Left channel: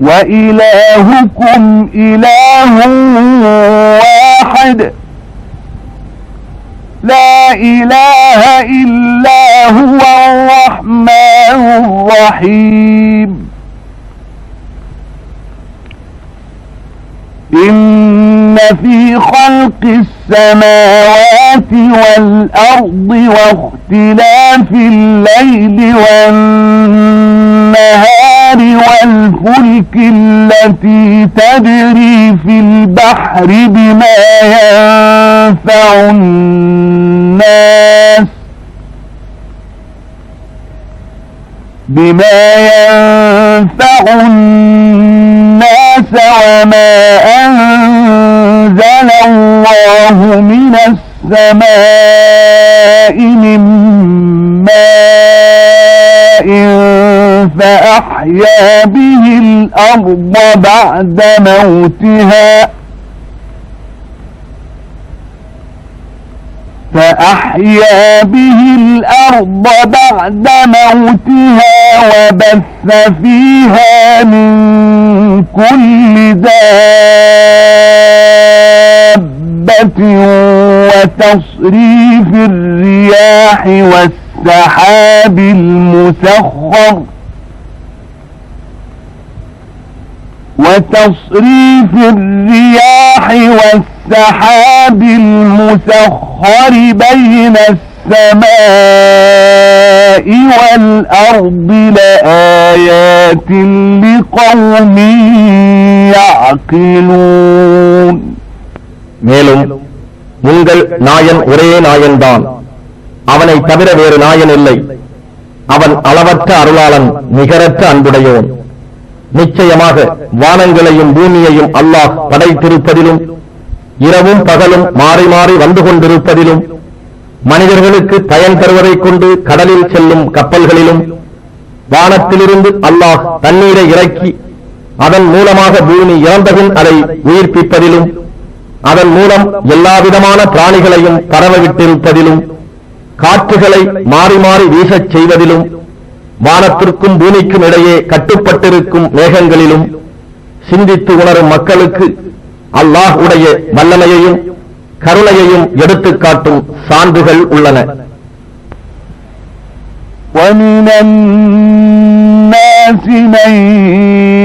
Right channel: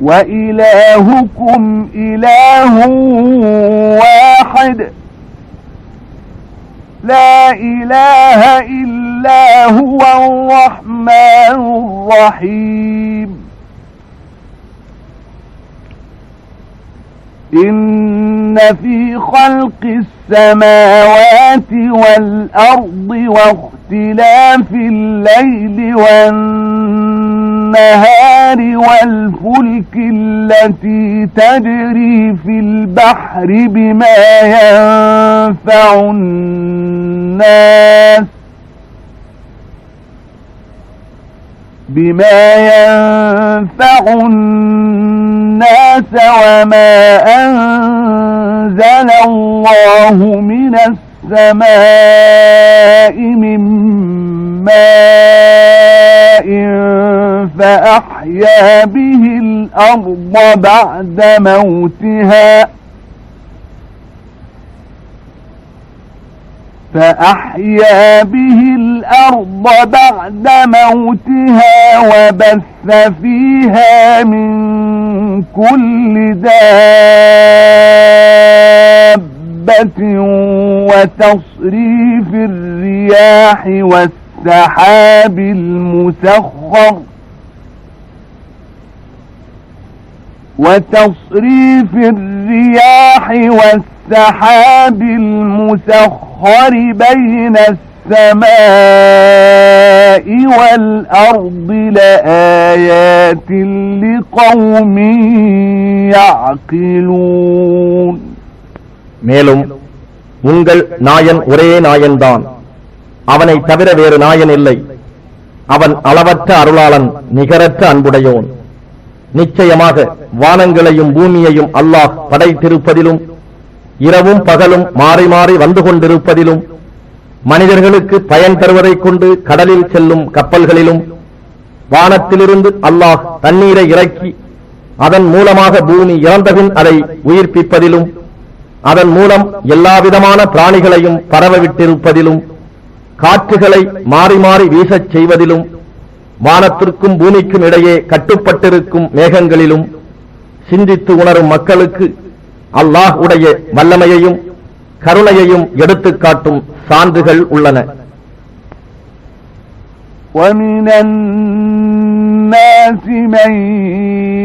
وإلهكم إله واحد لا إله إلا هو الرحمن الرحيم إن في خلق السماوات والأرض واختلاف الليل والنهار والفلك التي تجري في البحر بما ينفع الناس وما أنزل الله من السماء من ماء فأحيا به الأرض بعد موتها وبث فيها من كل دابة وتصريف الرياح والسحاب المسخر بين السماء والأرض لآيات لقوم يعقلون. மேலும் உங்கள் நாயன் ஒரே நாயன்தான், அவனை தவிர வேறு நாயன் இல்லை. அவன் அளவற்ற அருளாளன், நிகரற்ற அன்புடையோன். நிச்சயமாக வானங்களையும் பூமியையும் அல்லாஹ் படைத்திருப்பதிலும் இரவும் பகலும் மாறி மாறி வந்து கொண்டிருப்பதிலும் மனிதர்களுக்கு பயன் தருவதைக் கொண்டு கடலில் செல்லும் கப்பல்களிலும் வானத்திலிருந்து அல்லாஹ் தண்ணீரை இறக்கி அதன் மூலமாக பூமி இறந்தபின் அதை உயிர்ப்பிப்பதிலும் அதன் மூலம் எல்லாவிதமான பிராணிகளையும் பரவவிட்டிருப்பதிலும் காற்றுகளை மாறி மாறி வீசச் செய்வதிலும் வானத்திற்கும் பூமிக்கும் இடையே கட்டுப்பட்டிருக்கும் மேகங்களிலும் சிந்தித்து உணரும் மக்களுக்கு அல்லாஹ் உடைய வல்லமையையும் கருணையையும் எடுத்துக் காட்டும் சான்றுகள் உள்ளன. وَمِنَ النَّاسِ مَن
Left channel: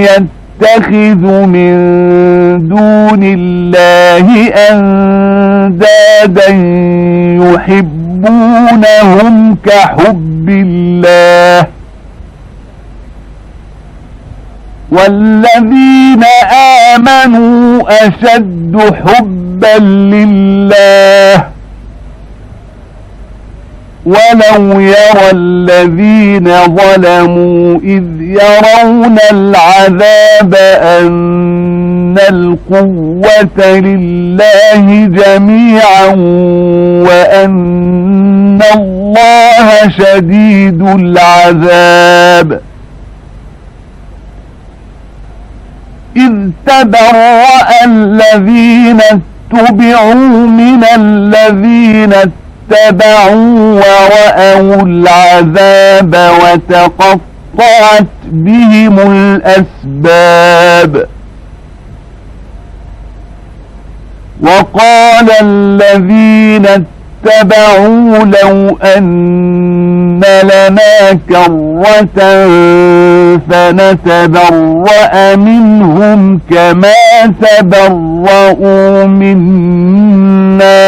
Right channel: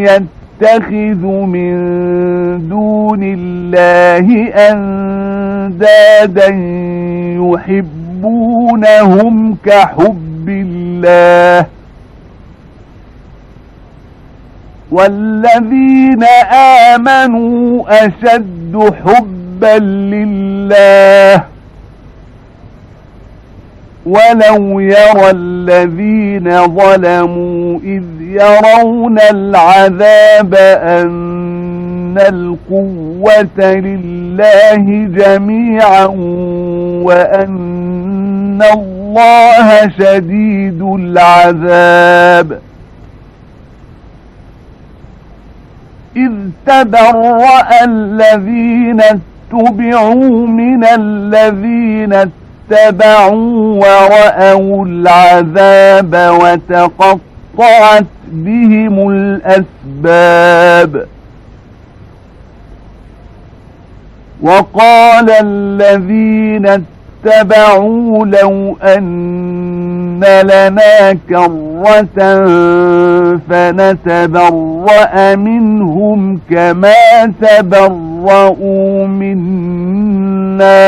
يَتَّخِذُ مِن دُونِ اللَّهِ أَندَادًا يُحِبُّونَهُمْ كَحُبِّ اللَّهِ وَالَّذِينَ آمَنُوا أَشَدُّ حُبًّا لِلَّهِ وَلَوْ يَرَى الَّذِينَ ظَلَمُوا إِذْ يَرَوْنَ الْعَذَابَ أَنَّ الْقُوَّةَ لِلَّهِ جَمِيعًا وَأَنَّ اللَّهَ شَدِيدُ الْعَذَابِ إِذْ تَبَرَّأَ الَّذِينَ اتُّبِعُوا مِنَ الَّذِينَ اتَّبَعُوا وَرَأَوُا الْعَذَابَ وَتَقَطَّعَتْ بِهِمُ الْأَسْبَابُ وَقَالَ الَّذِينَ اتَّبَعُوا لَوْ أَنَّ لَنَا كَرَّةً فَنَتَبَرَّأَ مِنْهُمْ كَمَا تَبَرَّؤُوا مِنَّا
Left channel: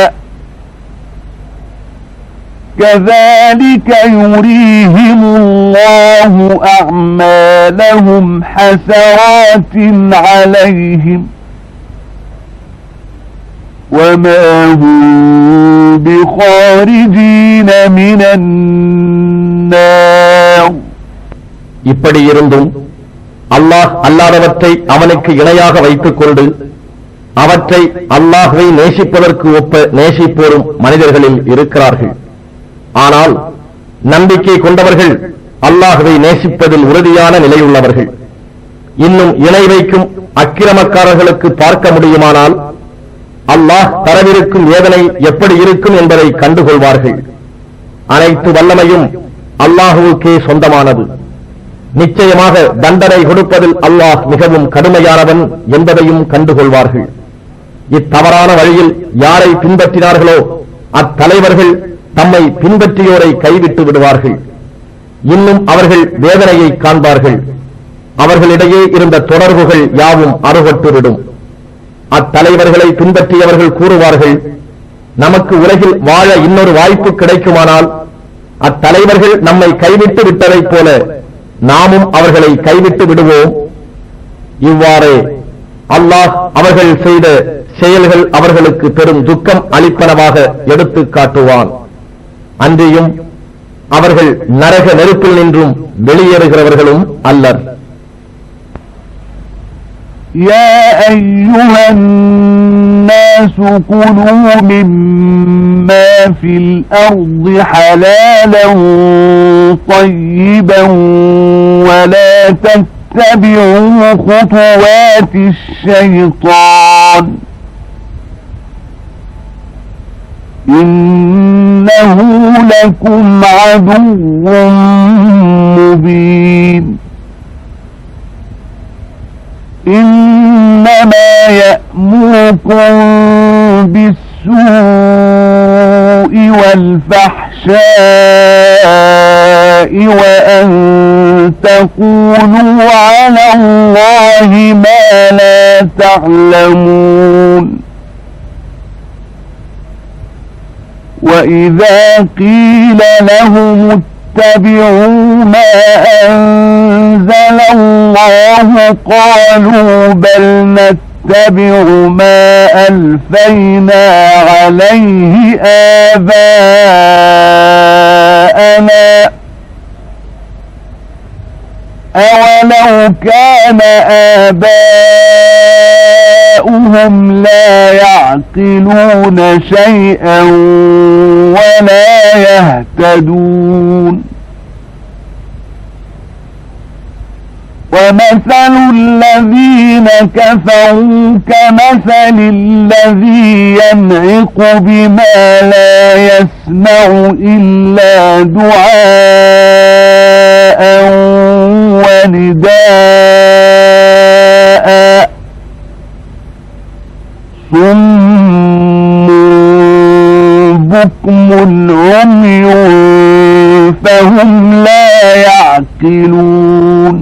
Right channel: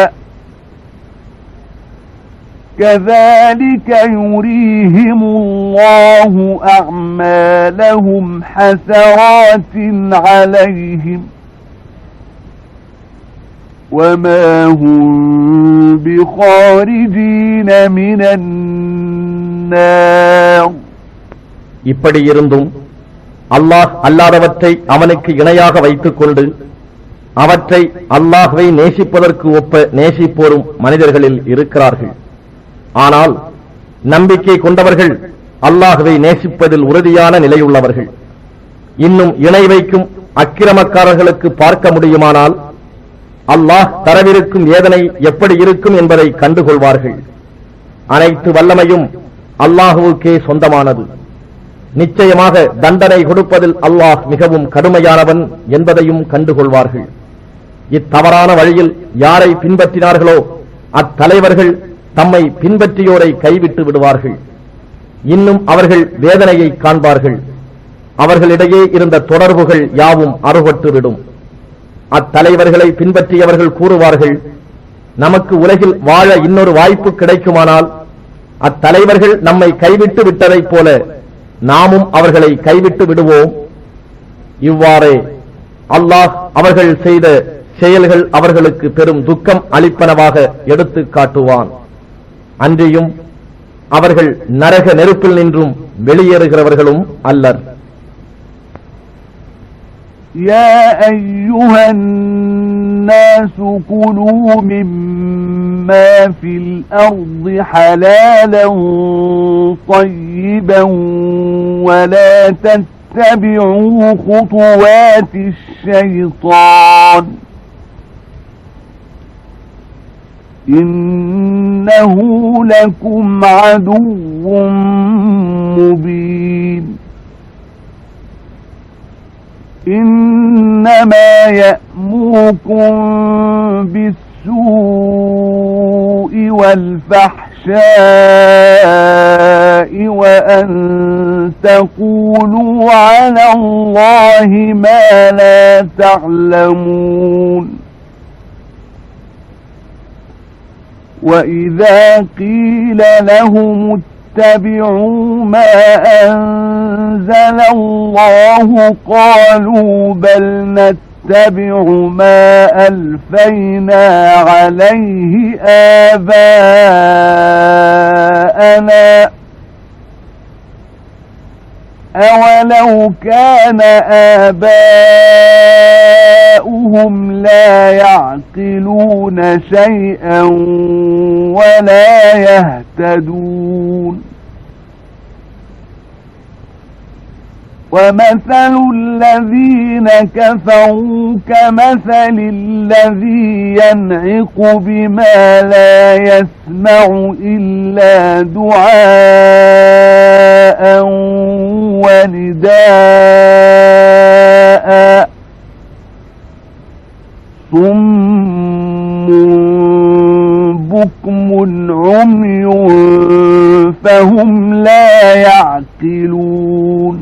كَذَلِكَ يُرِيهِمُ اللَّهُ أَعْمَالَهُمْ حَسَرَاتٍ عَلَيْهِمْ وَمَا هُمْ بِخَارِجِينَ مِنَ النَّارِ. இப்படி இருந்தும் அல்லாஹ் அல்லாதவற்றை அவனுக்கு இணையாக வைத்துக் கொண்டு அவற்றை அல்லாஹ்வை நேசிப்பதற்கு ஒப்ப நேசிப்போரும் மனிதர்களில் இருக்கிறார்கள். ஆனால் நம்பிக்கை கொண்டவர்கள் அல்லாஹ்வை நேசிப்பதில் உறுதியான நிலையுள்ளவர்கள். இன்னும் இணை வைக்கும் அக்கிரமக்காரர்களுக்கு பார்க்க முடியுமானால் அல்லாஹ் தரவிருக்கும் வேதனை எப்படி இருக்கும் என்பதை கண்டுகொள்வார்கள். அனைத்து வல்லமையும் அல்லாஹுவுக்கே சொந்தமானது. நிச்சயமாக தண்டனை கொடுப்பதில் அல்லாஹ் மிகவும் கடுமையானவன் என்பதையும் கண்டுகொள்வார்கள். இத்தவறான வழியில் யாரை பின்பற்றினார்களோ அத்தலைவர்கள் தம்மை பின்பற்றியோரை கைவிட்டு விடுவார்கள். இன்னும் அவர்கள் வேதனையை காண்பார்கள். அவர்களிடையே இருந்த தொடர்புகள் யாவும் அறுபட்டுவிடும். அத்தலைவர்களை பின்பற்றியவர்கள் கூறுவார்கள், நமக்கு உலகில் வாழ இன்னொரு வாய்ப்பு கிடைக்குமானால் அத்தலைவர்கள் நம்மை கைவிட்டு விட்டதைப் போல நாமும் அவர்களை கைவிட்டு விடுவோம். இவ்வாறே அல்லாஹ் அவர்கள் செய்த செயல்கள் அவர்களுக்கு பெரும் துக்கம் அளிப்பனவாக எடுத்துக் காட்டுவான். அன்றியும் அவர்கள் நரக நெருப்பில் நின்றும் வெளியேறுகிறவர்களும் அல்லர். يا أيها الناس كلوا مما في الأرض حلالا طيبا ولا تتبعوا خطوات الشيطان إنه لكم عدو مبين إنما يأمركم بالسوء والفحشاء وأن تقولوا على الله ما لا تعلمون وإذا قيل لهم اتبعوا ما أنزل الله قالوا بل نتبع ما ألفينا عليه آباءنا أولو كان آباؤهم لا يعقلون شيئا ولا يهتدون ومثل الذين كفروا كمثل الذي ينعق بما لا يسمع إلا دعاء ونداء صم بكم عمي فهم لا يعقلون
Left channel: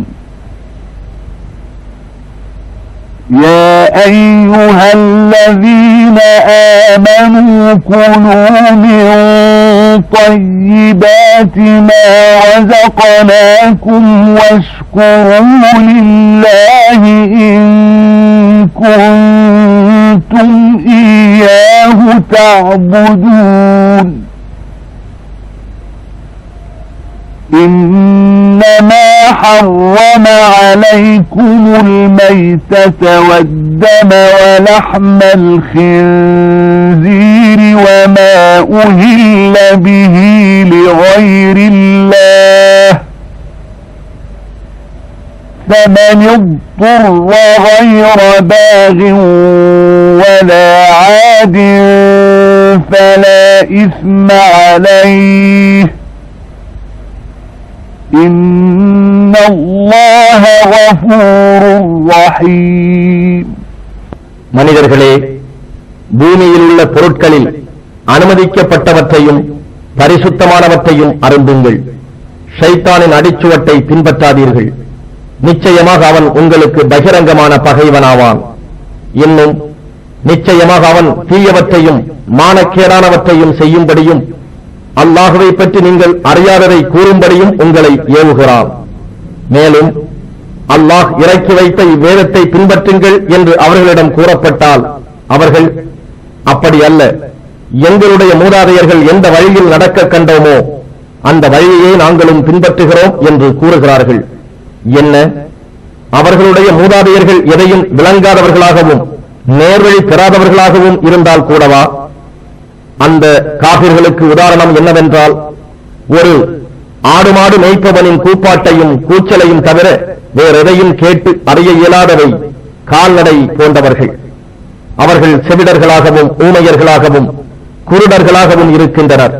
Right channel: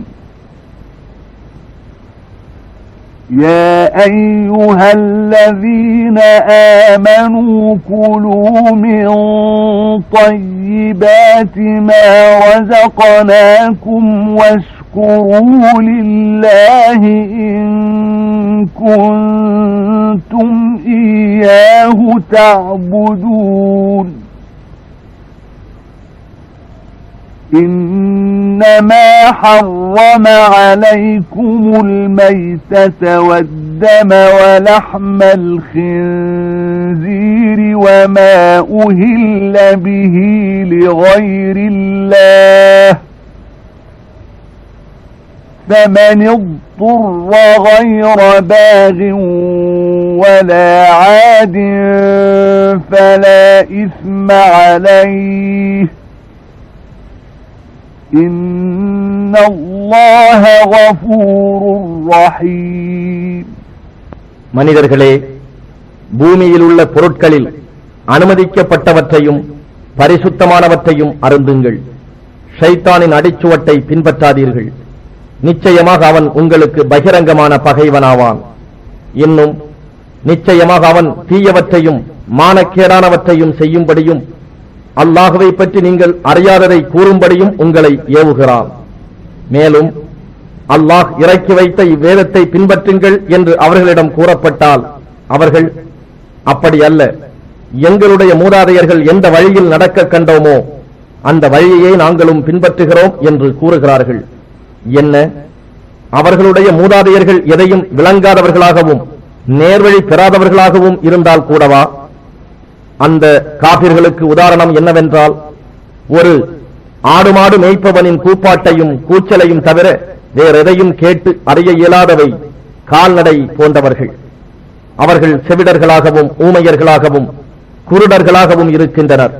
يا أيها الذين آمنوا كلوا من طيبات ما رزقناكم واشكروا لله إن كنتم إياه تعبدون إنما حرم عليكم الميتة والدم ولحم الخنزير وما أهل به لغير الله فمن اضطر غير باغ ولا عاد فلا إثم عليه إن الله غفور رحيم. மனிதர்களே, பூமியில் உள்ள பொருட்களில் அனுமதிக்கப்பட்டவற்றையும் பரிசுத்தமானவற்றையும் அருந்துங்கள். ஷைத்தானின் அடிச்சுவட்டை பின்பற்றாதீர்கள். நிச்சயமாக அவன் உங்களுக்கு பகிரங்கமான பகைவனாவான். இன்னும் நிச்சயமாக அவன் தீயவற்றையும் மானக்கேடானவற்றையும் செய்யும்படியும் அல்லாஹுவை பற்றி நீங்கள் அறியாததை கூறும்படியும் உங்களை ஏவுகிறான். மேலும் அல்லாஹ் இறக்கி வைத்த இவ்வேதத்தை பின்பற்றுங்கள் என்று அவர்களிடம் கூறப்பட்டால் அவர்கள் அப்படி அல்ல, எங்களுடைய மூதாதையர்கள் எந்த வழியில் நடக்க கண்டோமோ அந்த வழியையே நாங்களும் பின்பற்றுகிறோம் என்று கூறுகிறார்கள். என்ன, அவர்களுடைய மூதாதையர்கள் எதையும் விளங்காதவர்களாகவும் நேர்வழி பெறாதவர்களாகவும் இருந்தால் கூடவா? அந்த காபிர்களுக்கு உதாரணம் என்னவென்றால், ஒரு ஆடு மாடு மேய்ப்பவனின் கூப்பாட்டையும் கூச்சலையும் தவிர வேறெதையும் கேட்டு அறிய இயலாதவை கால்நடை போன்றவர்கள். அவர்கள் செவிடர்களாகவும் ஊமையர்களாகவும் குருடர்களாகவும் இருக்கின்றனர்.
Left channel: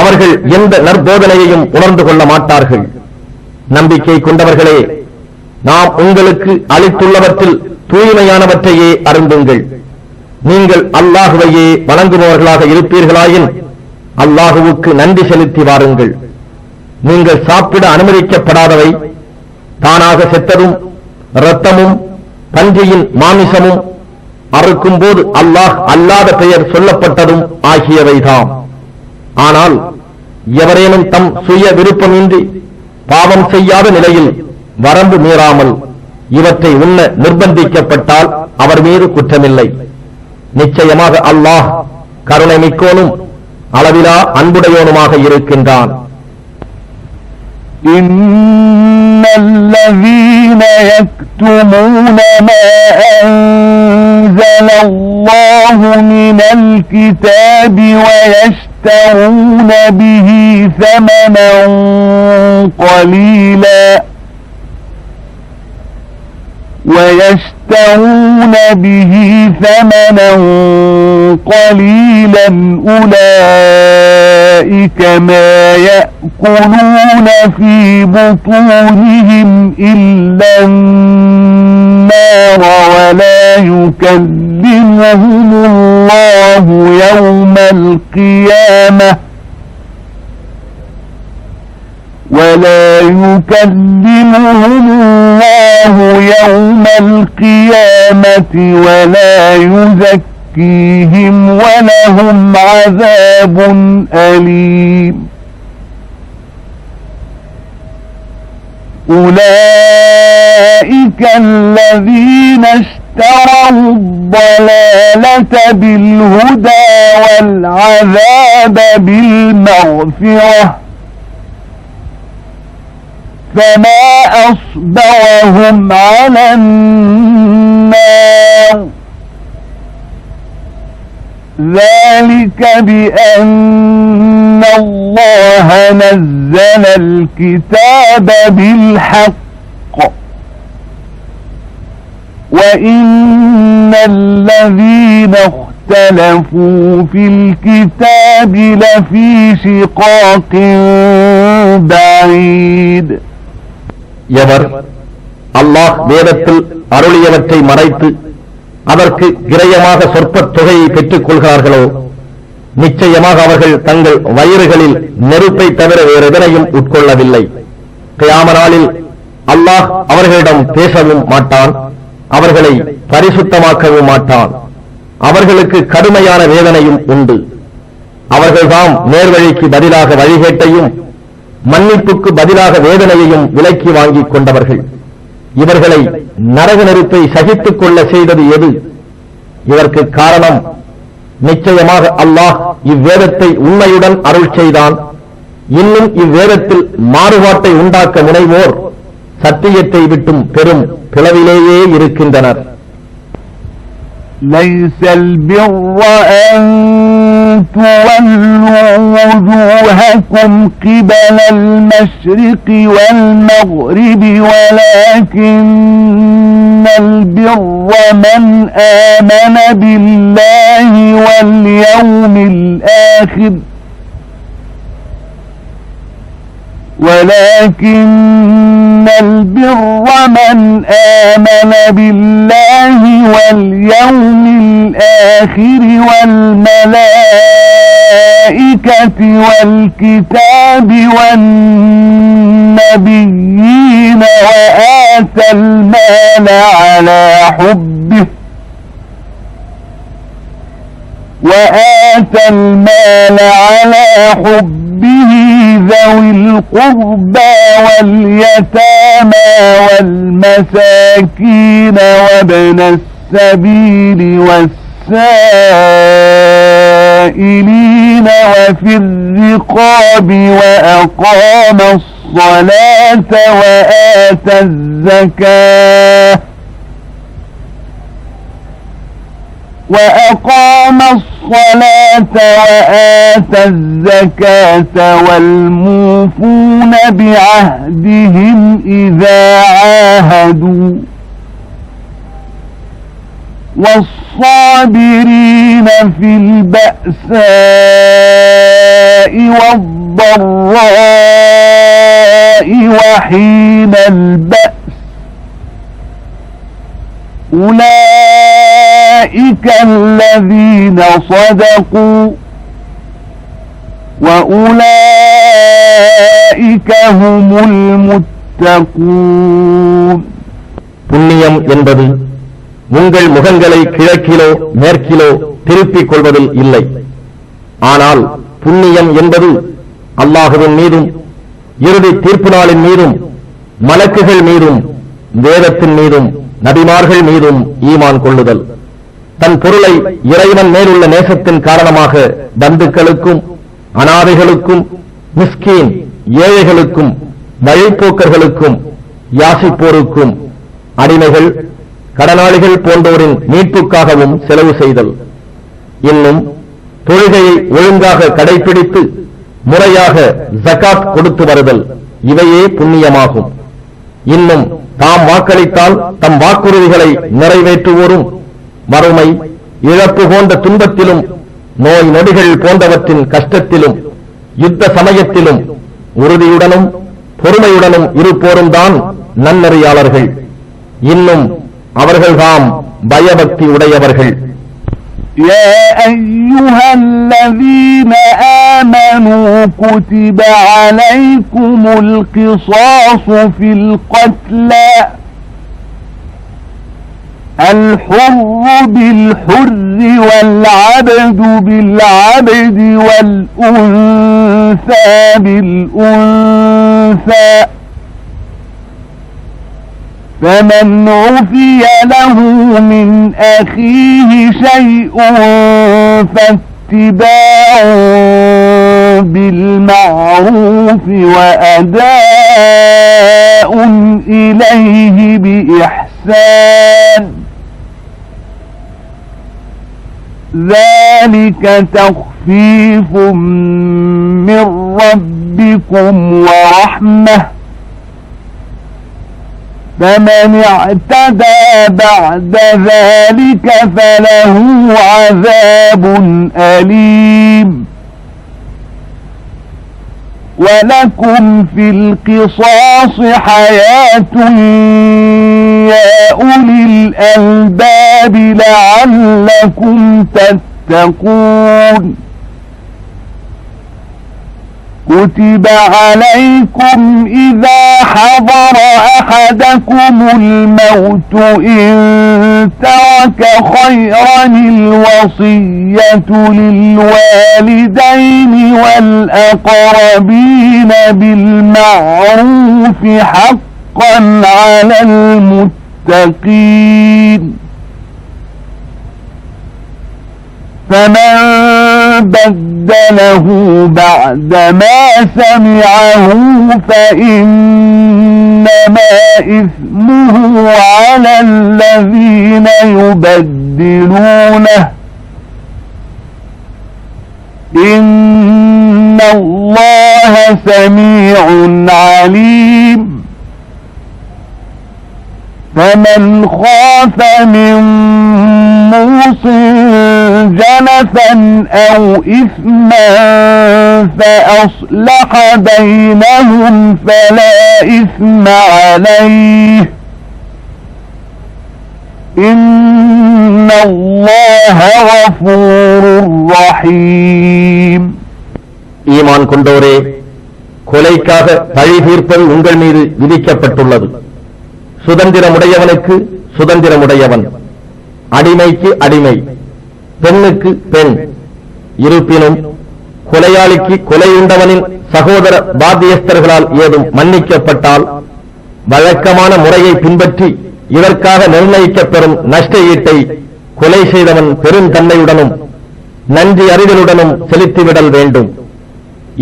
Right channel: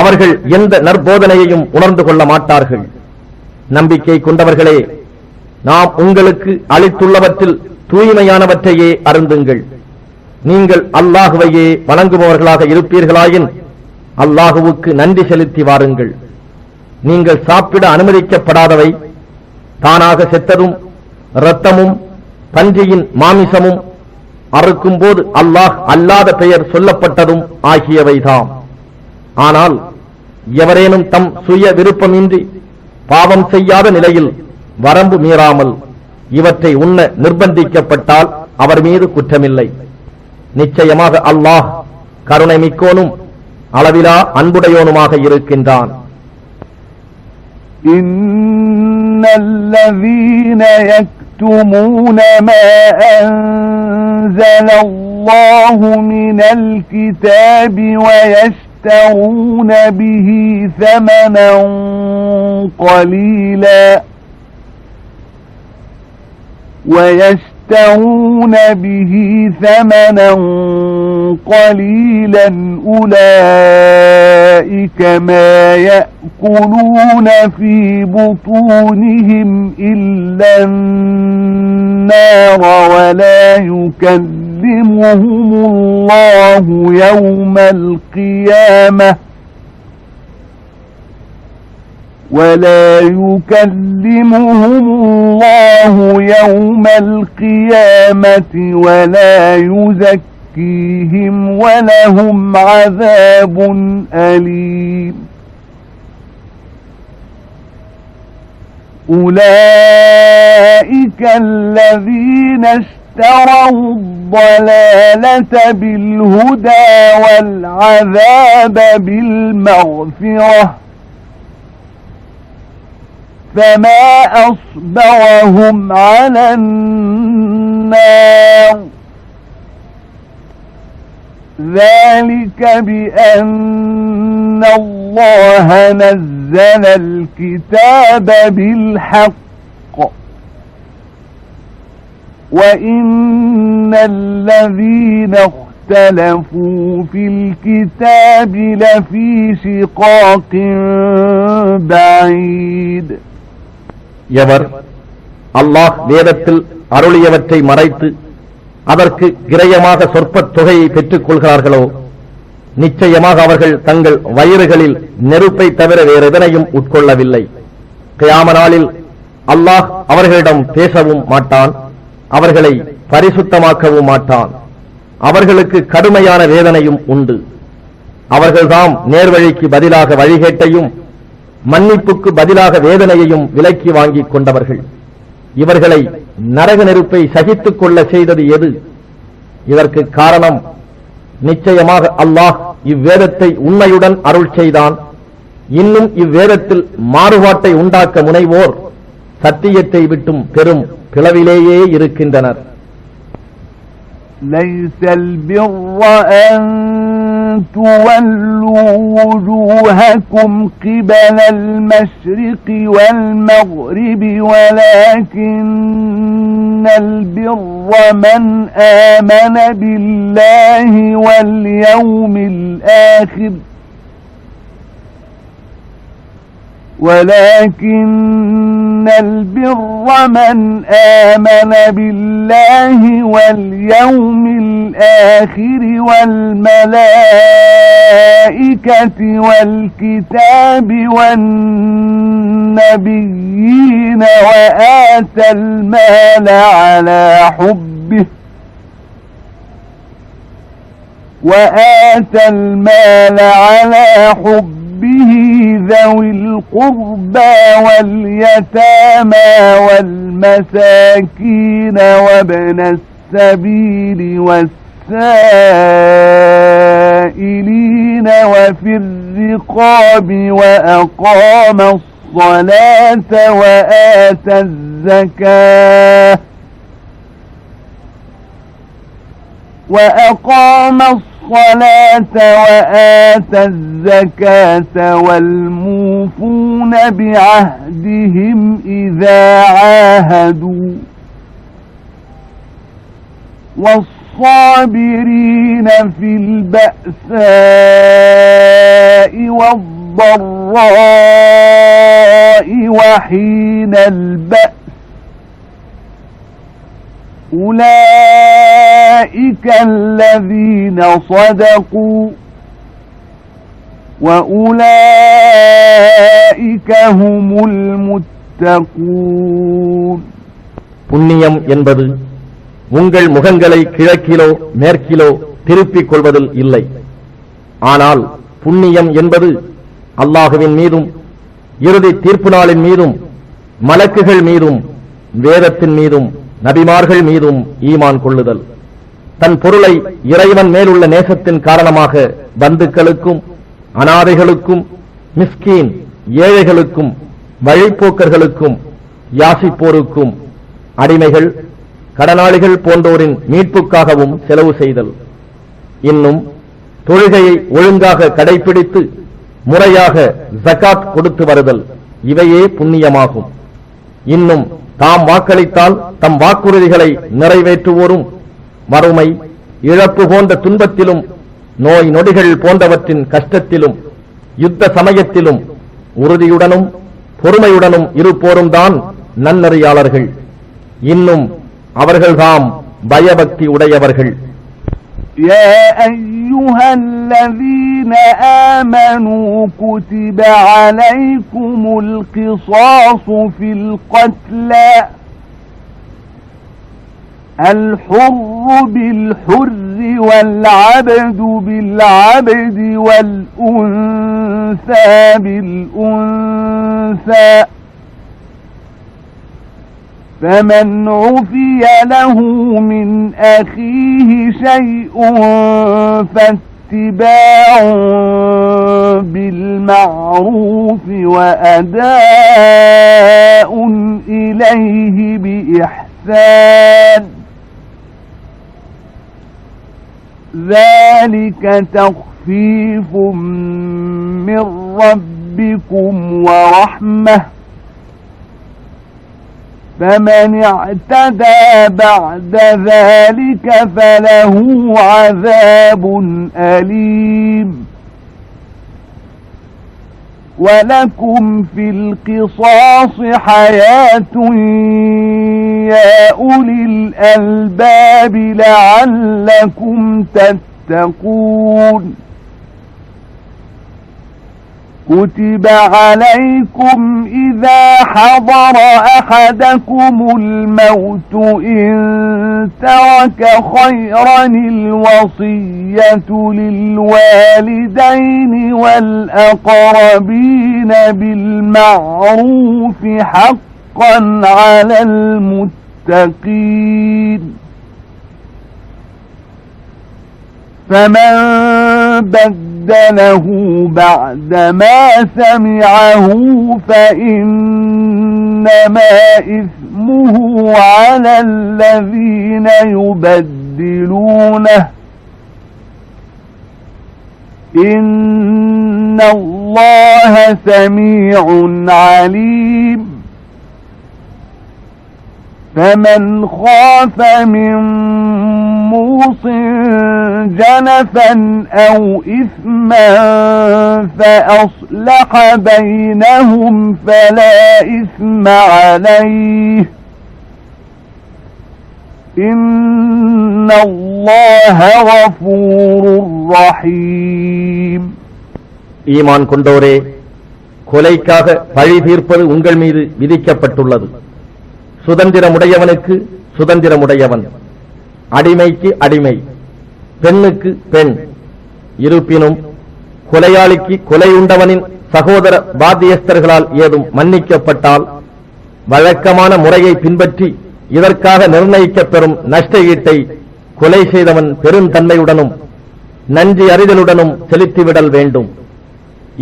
அவர்கள் எந்த நற்போதனையையும் உணர்ந்து கொள்ள மாட்டார்கள். நம்பிக்கை கொண்டவர்களே, நாம் உங்களுக்கு அளித்துள்ளவற்றில் தூய்மையானவற்றையே அருந்துங்கள். நீங்கள் அல்லாஹுவையே வணங்குபவர்களாக இருப்பீர்களாயின் அல்லாஹுவுக்கு நன்றி செலுத்தி வாருங்கள். நீங்கள் சாப்பிட அனுமதிக்கப்படாதவை தானாக செத்ததும் இரத்தமும் பன்றியின் மாமிசமும் அறுக்கும் போது அல்லாஹ் அல்லாத பெயர் சொல்லப்பட்டதும் ஆகியவைதாம். ஆனால் எவரேனும் தம் சுய விருப்பமின்றி பாவம் செய்யாத நிலையில் வரம்பு மீறாமல் இவற்றை உண்ண நிர்பந்திக்கப்பட்டால் அவர் மீது குற்றமில்லை. நிச்சயமாக அல்லாஹ் கருணை மிக்கோனும் அளவிலா அன்புடையோனுமாக இருக்கின்றான். الذين يكتمون ما أنزل الله من الكتاب ويشترون به ثمنا قليلا أولئك ما يأكلون في بطونهم إلا النار ولا يكلمهم الله يوم القيامة ولا يزكيهم ولهم عذاب أليم. أولئك الذين اشتروا الضلالة بالهدى والعذاب بالمغفرة فما أصبرهم على النار ذلك بأن الله نزل الكتاب بالحق وإن الذين اختلفوا في الكتاب لفي شقاق بعيد. எவர் அல்லாஹ் வேதத்தில் அருளியவற்றை மறைத்து அதற்கு கிரயமாக சொற்பத் தொகையை பெற்றுக் கொள்கிறார்களோ நிச்சயமாக அவர்கள் தங்கள் வயிறுகளில் நெருப்பை தவிர வேறு எதனையும் உட்கொள்ளவில்லை. கியாம நாளில் அல்லாஹ் அவர்களிடம் பேசவும் மாட்டான், அவர்களை பரிசுத்தமாக்கவும் மாட்டான். அவர்களுக்கு கடுமையான வேதனையும் உண்டு. அவர்கள்தாம் நேர்வழிக்கு பதிலாக வழிகேட்டையும் மன்னிப்புக்கு பதிலாக வேதனையையும் விலக்கி வாங்கிக் கொண்டவர்கள். இவர்களை நரக நெருப்பை சகித்துக் கொள்ள செய்தது எது? இதற்கு காரணம் நிச்சயமாக அல்லாஹ் இவ்வேதத்தை உண்மையுடன் அருள் செய்தான். இன்னும் இவ்வேதத்தில் மாறுபாட்டை உண்டாக்க முனைவோர் சத்தியத்தை விட்டும் பெரும் பிளவிலேயே இருக்கின்றனர். ليس البر أن تولوا وجوهكم قبل المشرق والمغرب ولكن البر من آمن بالله واليوم الآخر ولكن البر من آمن بالله واليوم الآخر والملائكة والكتاب والنبيين وآتى المال على حبه ذوي القربى واليتامى والمساكين وابن السبيل والسائلين وفي الرقاب وأقام الصلاة وآتى الزكاة وآتى الزكاة والموفون بعهدهم إذا عاهدوا والصابرين في البأساء والضراء وحين البأس أولئك الذين صدقوا وأولئك هم المتقون. புண்ணியம் என்பது உங்கள் முகங்களை கிழக்கிலோ மேற்கிலோ திருப்பிக் கொள்வதில் இல்லை. ஆனால் புண்ணியம் என்பது அல்லாஹுவின் மீதும் இறுதி தீர்ப்பு நாளின் மீதும் மலக்குகள் மீதும் வேதத்தின் மீதும் நபிமார்கள் மீதும் ஈமான் கொள்ளுதல். தன் பொருளை இறைவன் மேலுள்ள நேசத்தின் காரணமாக பந்துக்களுக்கும் அனாதைகளுக்கும் மிஸ்கீன் ஏழைகளுக்கும் வழிப்போக்கர்களுக்கும் யாசிப்போருக்கும் அடிமைகள் கடனாளிகள் போன்றோரின் மீட்புக்காகவும் செலவு செய்தல். இன்னும் தொழுகையை ஒழுங்காக கடைபிடித்து முறையாக ஜகாத் கொடுத்து வருதல் இவையே புண்ணியமாகும். இன்னும் தாம் வாக்களித்தால் தம் வாக்குறுதிகளை நிறைவேற்றுவோரும் வறுமை இழப்பு போன்ற துன்பத்திலும் நோய் நொடிகள் போன்றவற்றின் கஷ்டத்திலும் யுத்த சமயத்திலும் உறுதியுடனும் பொறுமையுடனும் இருப்போரும் தான் நன்னறியாளர்கள். இன்னும் அவர்கள்தாம் பயபக்தி உடையவர்கள். يا أيها الذين آمنوا كتب عليكم القصاص في القتلى الحر بالحر والعبد بالعبد والأنثى بالأنثى فمن عفي له من أخيه شيء فاتباع بالمعروف وأداء إليه بإحسان ذلك تخفيف من ربكم ورحمة فمن اعتدى بعد ذلك فله عذاب أليم ولكم في القصاص حياة يا أولي الألباب لعلكم تتقون. كتب عليكم إذا حضر أحدكم الموت إن ترك خيرا الوصية للوالدين والأقربين بالمعروف حقا على المتقين. فمن بدله بعدما سمعه فإنما إثمه على الذين يبدلونه إن الله سميع عليم. فمن خاف من موص جنفا أو إثما فأصلح بينهم فلا إثم عليه إن الله غفور رحيم. ஈமான் கொண்டோரே, கொலைக்காக பழி தீர்ப்பது உங்கள் மீது விதிக்கப்பட்டுள்ளது. சுதந்திரமுடையவனுக்கு சுதந்திரமுடையவன், அடிமைக்கு அடிமை, பெண்ணுக்கு பெண். இருப்பினும் கொலையாளிக்கு கொலையுண்டவனின் சகோதர பாத்தியஸ்தர்களால் ஏதும் மன்னிக்கப்பட்டால் வழக்கமான முறையை பின்பற்றி இதற்காக நிர்ணயிக்கப்பெறும் நஷ்ட ஈட்டை கொலை செய்தவன் பெருந்தன்மையுடனும் நன்றி அறிதலுடனும் செலுத்திவிடல் வேண்டும்.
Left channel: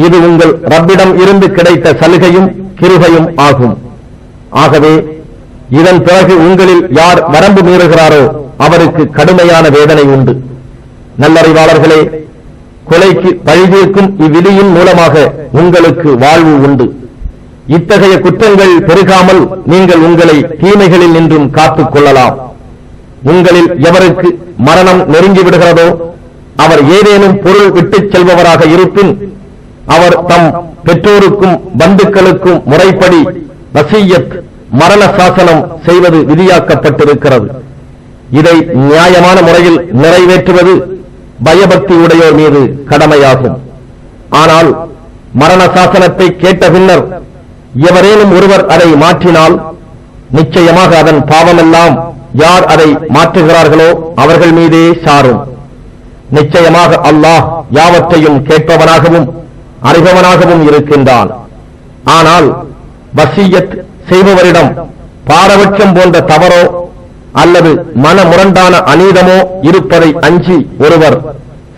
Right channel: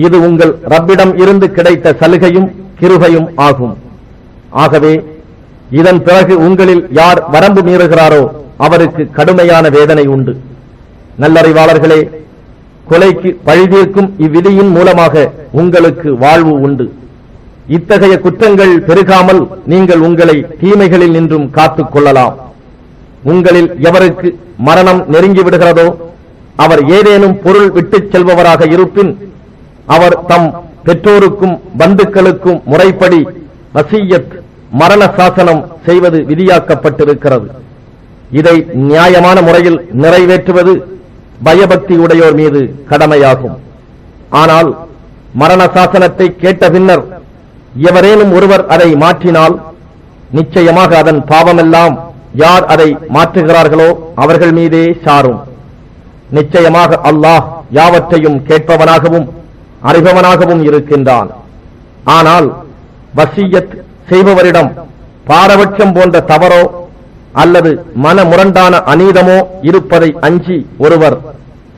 இது உங்கள் ரப்பிடம் இருந்து கிடைத்த சலுகையும் கிருபையும் ஆகும். ஆகவே இதன் பிறகு உங்களில் யார் வரம்பு மீறுகிறாரோ அவருக்கு கடுமையான வேதனை உண்டு. நல்லறிவாளர்களே, கொலைக்கு பழிதீர்க்கும் இவ்விதியின் மூலமாக உங்களுக்கு வாழ்வு உண்டு. இத்தகைய குற்றங்கள் பெருகாமல் நீங்கள் உங்களை தீமைகளில் நின்றும் காத்துக் கொள்ளலாம். உங்களில் எவருக்கு மரணம் நெருங்கிவிடுகிறதோ அவர் ஏதேனும் பொருள் விட்டுச் செல்பவராக இருப்பின் அவர் தம் பெற்றோருக்கும் பந்துக்களுக்கும் முறைப்படி வசியத் மரண சாசனம் செய்வது விதியாக்கப்பட்டிருக்கிறது. இதை நியாயமான முறையில் நிறைவேற்றுவது பயபக்தி உடையோர் மீது கடமையாகும். ஆனால் மரண சாசனத்தை கேட்ட பின்னர் எவரேனும் ஒருவர் அதை மாற்றினால் நிச்சயமாக அதன் பாவமெல்லாம் யார் அதை மாற்றுகிறார்களோ அவர்கள் மீதே சாரும். நிச்சயமாக அல்லாஹ் யாவற்றையும் கேட்பவனாகவும் அறிபவனாகவும் இருக்கின்றான். ஆனால் வசியத் செய்பவரிடம் பாரபட்சம் போன்ற தவறோ அல்லது மனமுரண்டான அநீதமோ இருப்பதை அஞ்சி ஒருவர்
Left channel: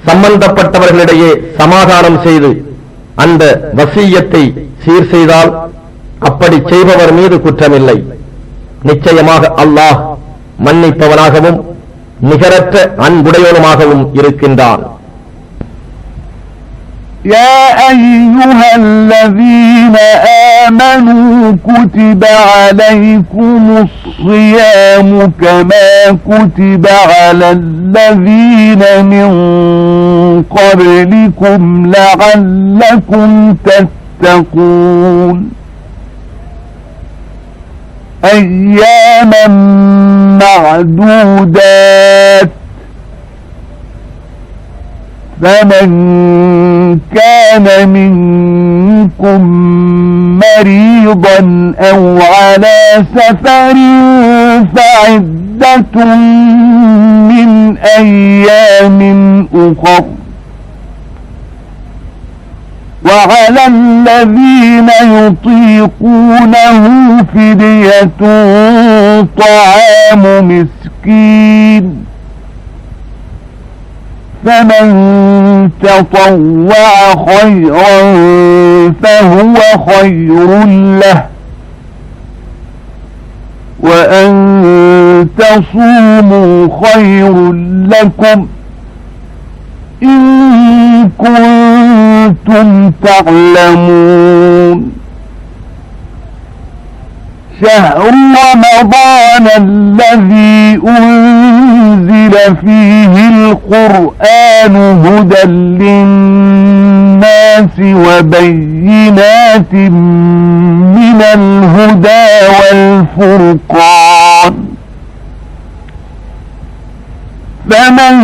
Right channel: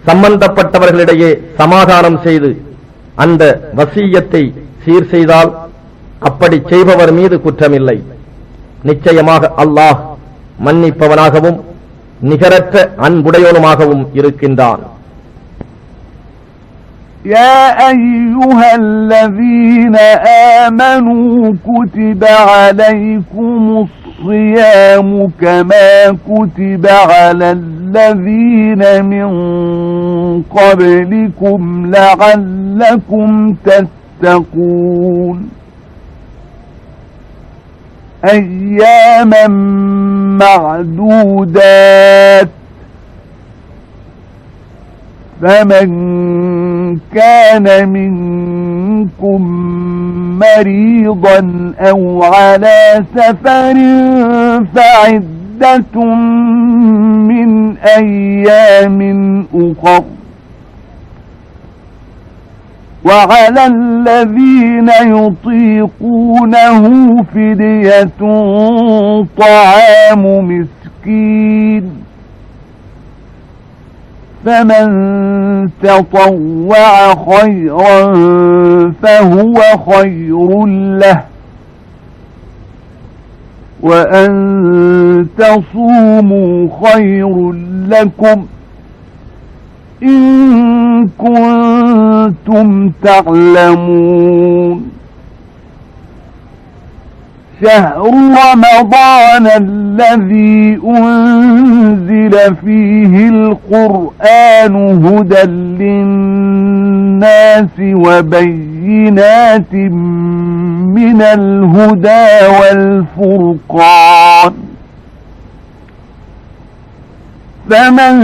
சம்பந்தப்பட்டவர்களிடையே சமாதானம் செய்து அந்த வசியத்தை சீர் செய்தால் அப்படி செய்பவர் மீது குற்றமில்லை. நிச்சயமாக அல்லாஹ் மன்னிப்பவனாகவும் நிகரற்ற அன்புடையவனுமாகவும் இருக்கின்றான். يا أيها الذين آمنوا كتب عليكم الصيام كما كتب على الذين من قبلكم لعلكم تتقون أياما معدودات فمن كان منكم مريضا أو على سفر فعدة من أيام أخر وعلى الذين يطيقونه فدية طعام مسكين فمن تطوع خيرا فهو خير له وأن تصوموا خير لكم إن كنتم تعلمون شهر رمضان الذي أنزل فيه القرآن هدى للناس وبينات من الهدى والفرقان فمن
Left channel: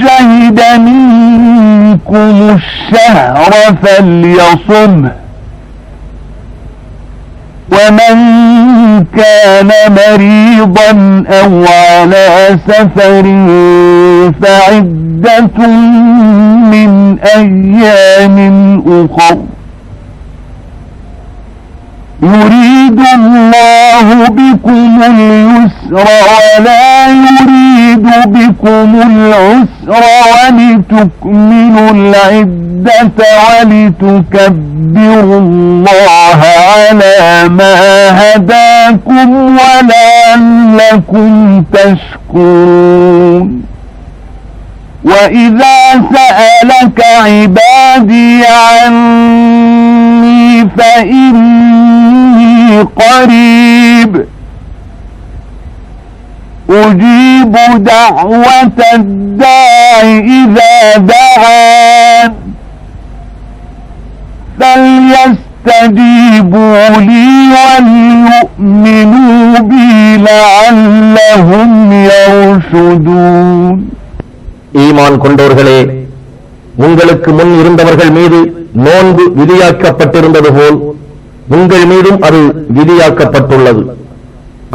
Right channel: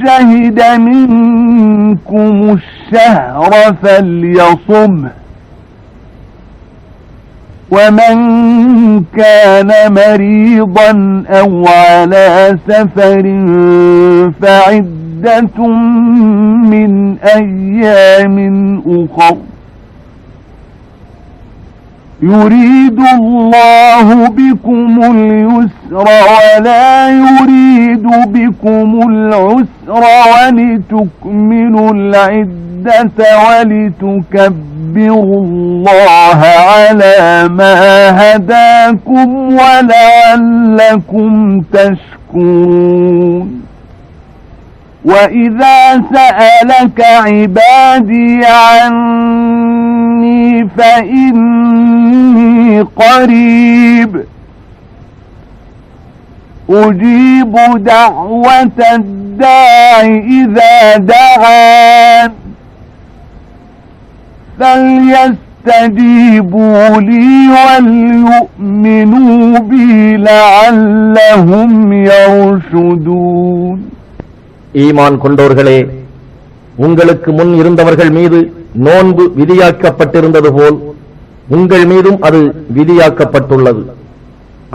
شهد منكم الشهر فليصمه ومن كان مريضا أو على سفر فعدة من أيام أخر يريد الله بكم اليسر ولا يريد بكم العسر ولتكملوا العدة ولتكبروا الله على ما هداكم ولعلكم تشكرون وإذا سألك عبادي عني فإني قريب أجيب دعوة الداع إذا دعان فليستجيبوا لي وليؤمنوا بي لعلهم يرشدون ஈமான் கொண்டோர்களே, உங்களுக்கு முன் இருந்தவர்கள் மீது நோன்பு விதியாக்கப்பட்டிருந்தது போல் உங்கள் மீதும் அது விதியாக்கப்பட்டுள்ளது.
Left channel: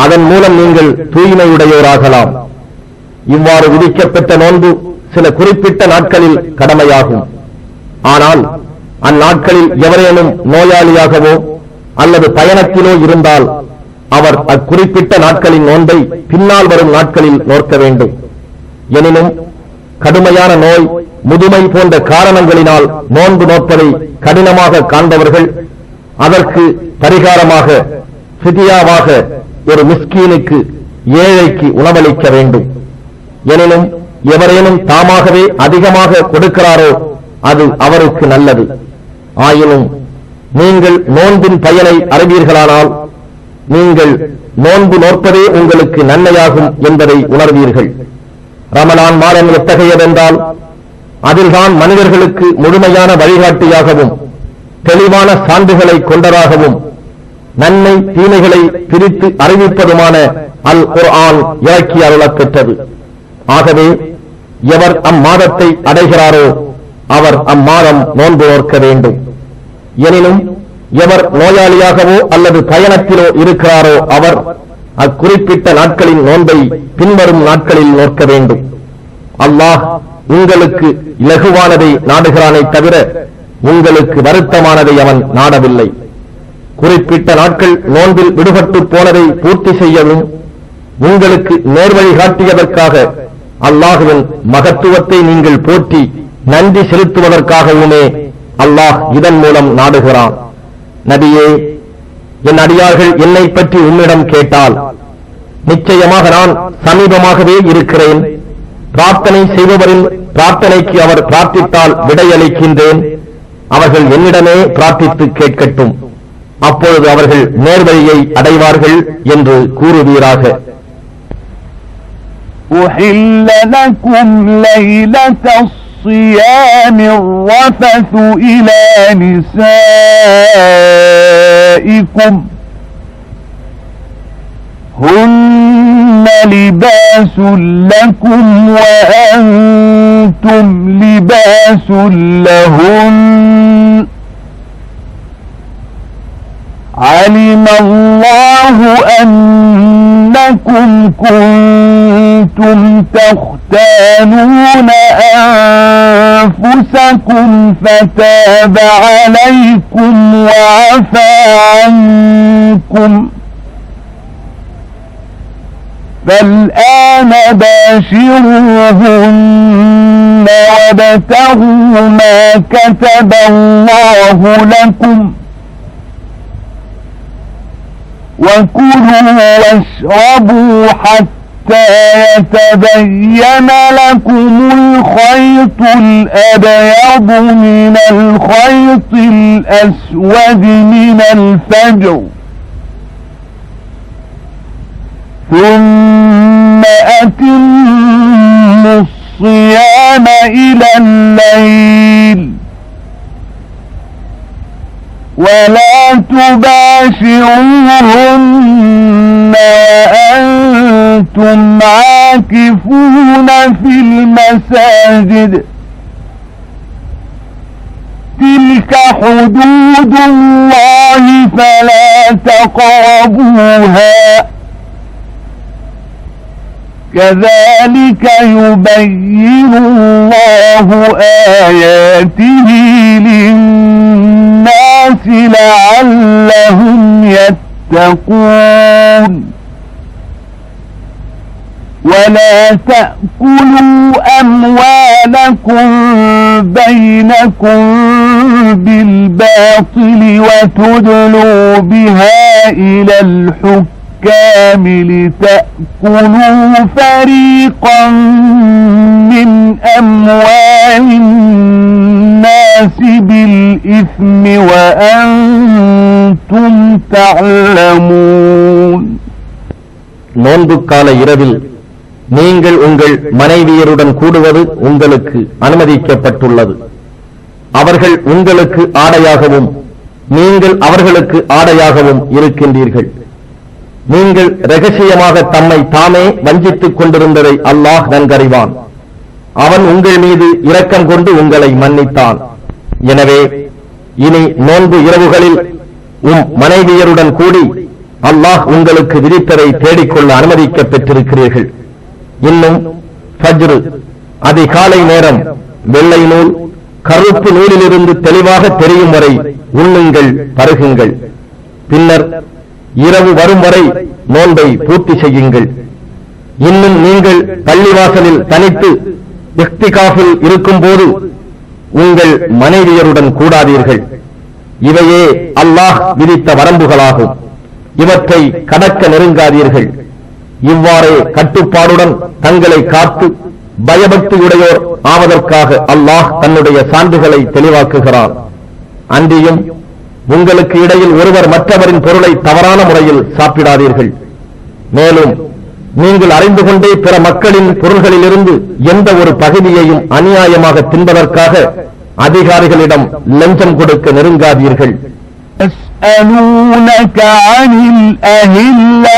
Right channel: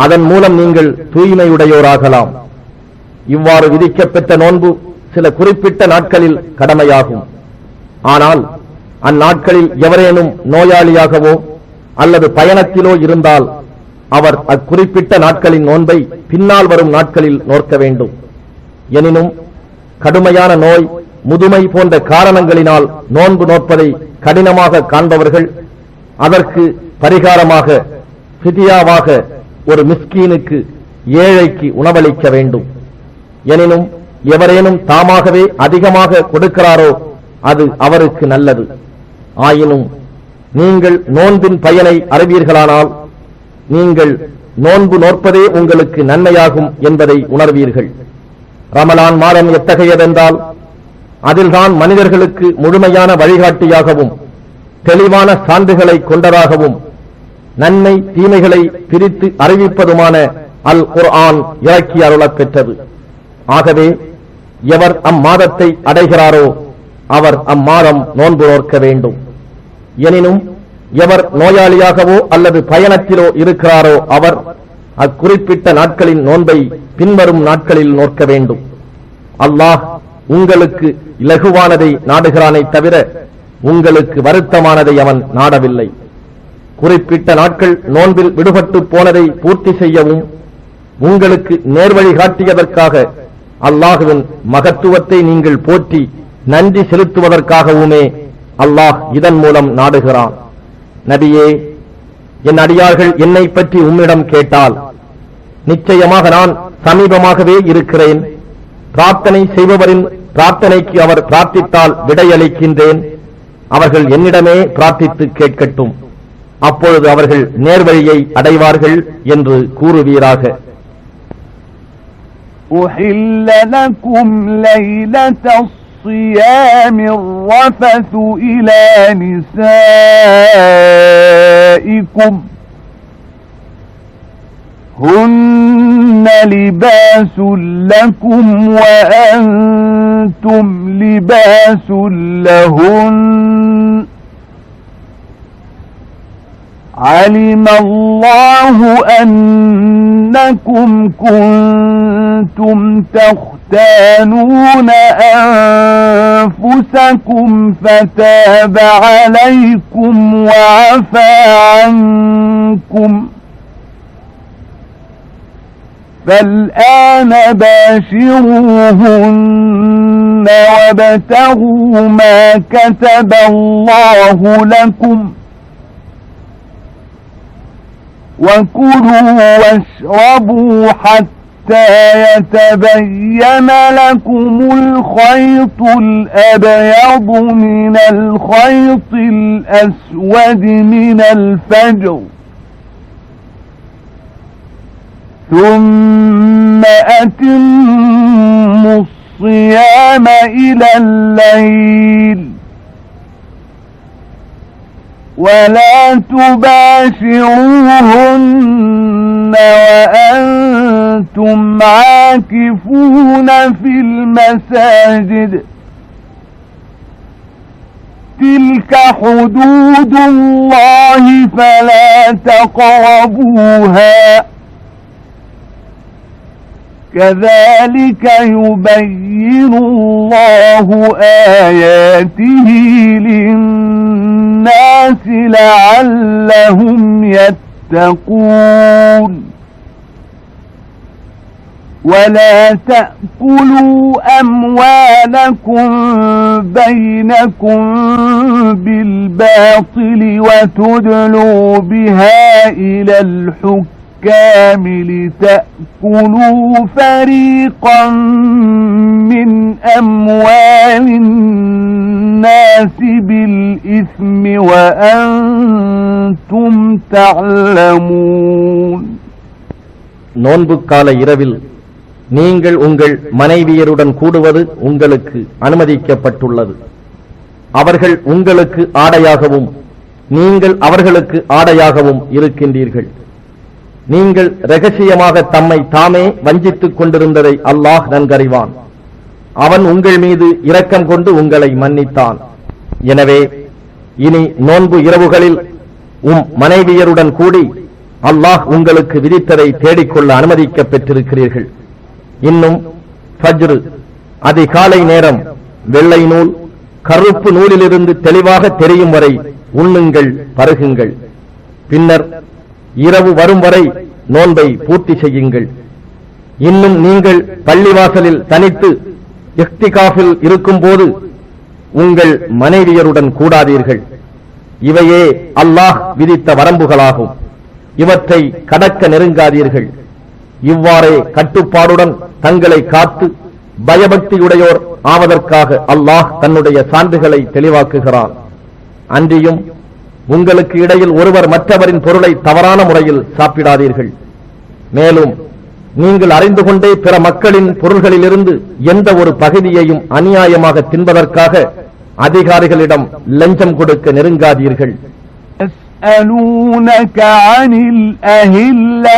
அதன் மூலம் நீங்கள் தூய்மையுடையோராகலாம். இவ்வாறு விதிக்கப்பட்ட நோன்பு சில குறிப்பிட்ட நாட்களில் கடமையாகும். ஆனால் அந்நாட்களில் எவரேனும் நோயாளியாகவோ அல்லது பயணத்திலோ இருந்தால் அவர் அக்குறிப்பிட்ட நாட்களின் நோன்பை பின்னால் வரும் நாட்களில் நோக்க வேண்டும். எனினும் கடுமையான நோய், முதுமை போன்ற காரணங்களினால் நோன்பு நோற்பதை கடினமாக காண்பவர்கள் அதற்கு பரிகாரமாக ஃபிதியாவாக ஒரு மிஸ்கீனுக்கு, ஏழைக்கு உணவளிக்க வேண்டும். எனினும் எவரேனும் தாமாகவே அதிகமாக கொடுக்கிறாரோ அது அவருக்கு நல்லது. ஆயினும் நீங்கள் நோன்பின் பயனை அறிவீர்களானால் நீங்கள் நோன்பு நோற்பதே உங்களுக்கு நன்மையாகும் என்பதை உணர்வீர்கள். ரமலான் மாதம் எத்தகையதென்றால் அதில்தான் மனிதர்களுக்கு முழுமையான வழிகாட்டியாகவும் தெளிவான சான்றுகளை கொண்டதாகவும் நன்மை தீமைகளை பிரித்து அறிவிப்பதுமான அல் குர்ஆன் இறக்கி அருளப் பெற்றது. ஆகவே எவர் அம்மாதத்தை அடைகிறாரோ அவர் அம்மாதம் நோன்பு நோக்க வேண்டும். எனினும் எவர் நோயாளியாகவோ அல்லது பயணத்திலோ இருக்கிறாரோ அவர் அக்குறிப்பிட்ட நாட்களின் நோன்பை பின்வரும் நாட்களில் நோக்க வேண்டும். அல்லாஹ் உங்களுக்கு இலகுவானதை நாடுகிறானே தவிர உங்களுக்கு வருத்தமானதை அவன் நாடவில்லை. குறிப்பிட்ட நாட்கள் நோன்பில் விடுபட்டு போனதை பூர்த்தி செய்யவும் உங்களுக்கு நேர்வழி காட்டியதற்காக அல்லாஹுவின் மகத்துவத்தை நீங்கள் போற்றி நன்றி செலுத்துவதற்காகவுமே அல்லாஹ் இதன் மூலம் நாடுகிறான். நபியே, என் அடியார்கள் என்னை பற்றி உன்னிடம் கேட்டால் நிச்சயமாக நான் சமீபமாகவே இருக்கிறேன். பிரார்த்தனை செய்பவரின் பிரார்த்தனைக்கு அவர் பிரார்த்தித்தால் விடையளிக்கின்றேன். அவர்கள் என்னிடமே பிரார்த்தித்து கேட்கட்டும், அப்பொழுது அவர்கள் நேர்வழியை அடைவார்கள் என்று கூறுவீராக. أحل لكم ليلة الصيام الرفث إلى نسائكم هن لباس لكم وأنتم لباس لهن علم الله أنكم كنتم تختانون أنفسكم فتاب عليكم وعفى عنكم فالآن باشروهن وابتغوا ما كتب الله لكم وكلوا واشربوا حتى يتبين لكم الخيط الأبيض من الخيط الأسود من الفجر ثم أتموا الصيام إلى الليل ولا تباشروهن وأنتم عاكفون في المساجد تلك حدود الله فلا تقربوها كذلك يبين الله آياته للناس لعلهم يتقون ولا تأكلوا أموالكم بينكم بالباطل وتدلوا بها إلى الحكام لتأكلوا فريقا من أموال الناس بالإثم وأنتم تعلمون. நோன்புக்கான இரவில் நீங்கள் உங்கள் மனைவியருடன் கூடுவது உங்களுக்கு அனுமதிக்கப்பட்டுள்ளது. அவர்கள் உங்களுக்கு ஆடையாகவும் நீங்கள் அவர்களுக்கு ஆடையாகவும் இருக்கின்றீர்கள். நீங்கள் இரகசியமாக தம்மை தாமே வஞ்சித்துக் கொண்டிருந்ததை அல்லாஹ் நன்கறிவான். அவன் உங்கள் மீது இரக்கம் கொண்டு உங்களை மன்னித்தான். எனவே இனி நோன்பு இரவுகளில் மனைவியருடன் கூடி அல்லாஹ் உங்களுக்கு விதித்ததை தேடிக்கொள்ள அனுமதிக்கப் பெற்றிருக்கிறீர்கள். இன்னும் ஃபஜ்ர் அதிகாலை நேரம் வெள்ளை நூல் கருப்பு நூலிலிருந்து தெளிவாக தெரியும் வரை உண்ணுங்கள், பருகுங்கள். பின்னர் இரவு வரும் வரை நோன்பை பூர்த்தி செய்யுங்கள். இன்னும் நீங்கள் பள்ளிவாசலில் தனித்து இஃப்திகாஃபில் இருக்கும் போது உங்கள் மனைவியருடன் கூடாதீர்கள். இவையே அல்லாஹ் விதித்த வரம்புகளாகும். இவற்றை கடக்க நெருங்காதீர்கள். இவ்வாறே கட்டுப்பாடுடன் தங்களை காத்து பயபக்தியுடையோர் ஆவதற்காக அல்லாஹ் தன்னுடைய சான்றுகளை தெளிவாக்குகிறான். அன்றியும் உங்களுக்கு இடையில் ஒருவர் மற்றவரின் பொருளை தவறான முறையில் சாப்பிடாதீர்கள். மேலும் நீங்கள் அறிந்து கொண்டே பிற மக்களின் பொருள்களிலிருந்து எந்த ஒரு பகுதியையும் அநியாயமாக தின்பதற்காக அதிகாரிகளிடம் லஞ்சம் கொடுக்க நெருங்காதீர்கள். يسألونك عن الأهلة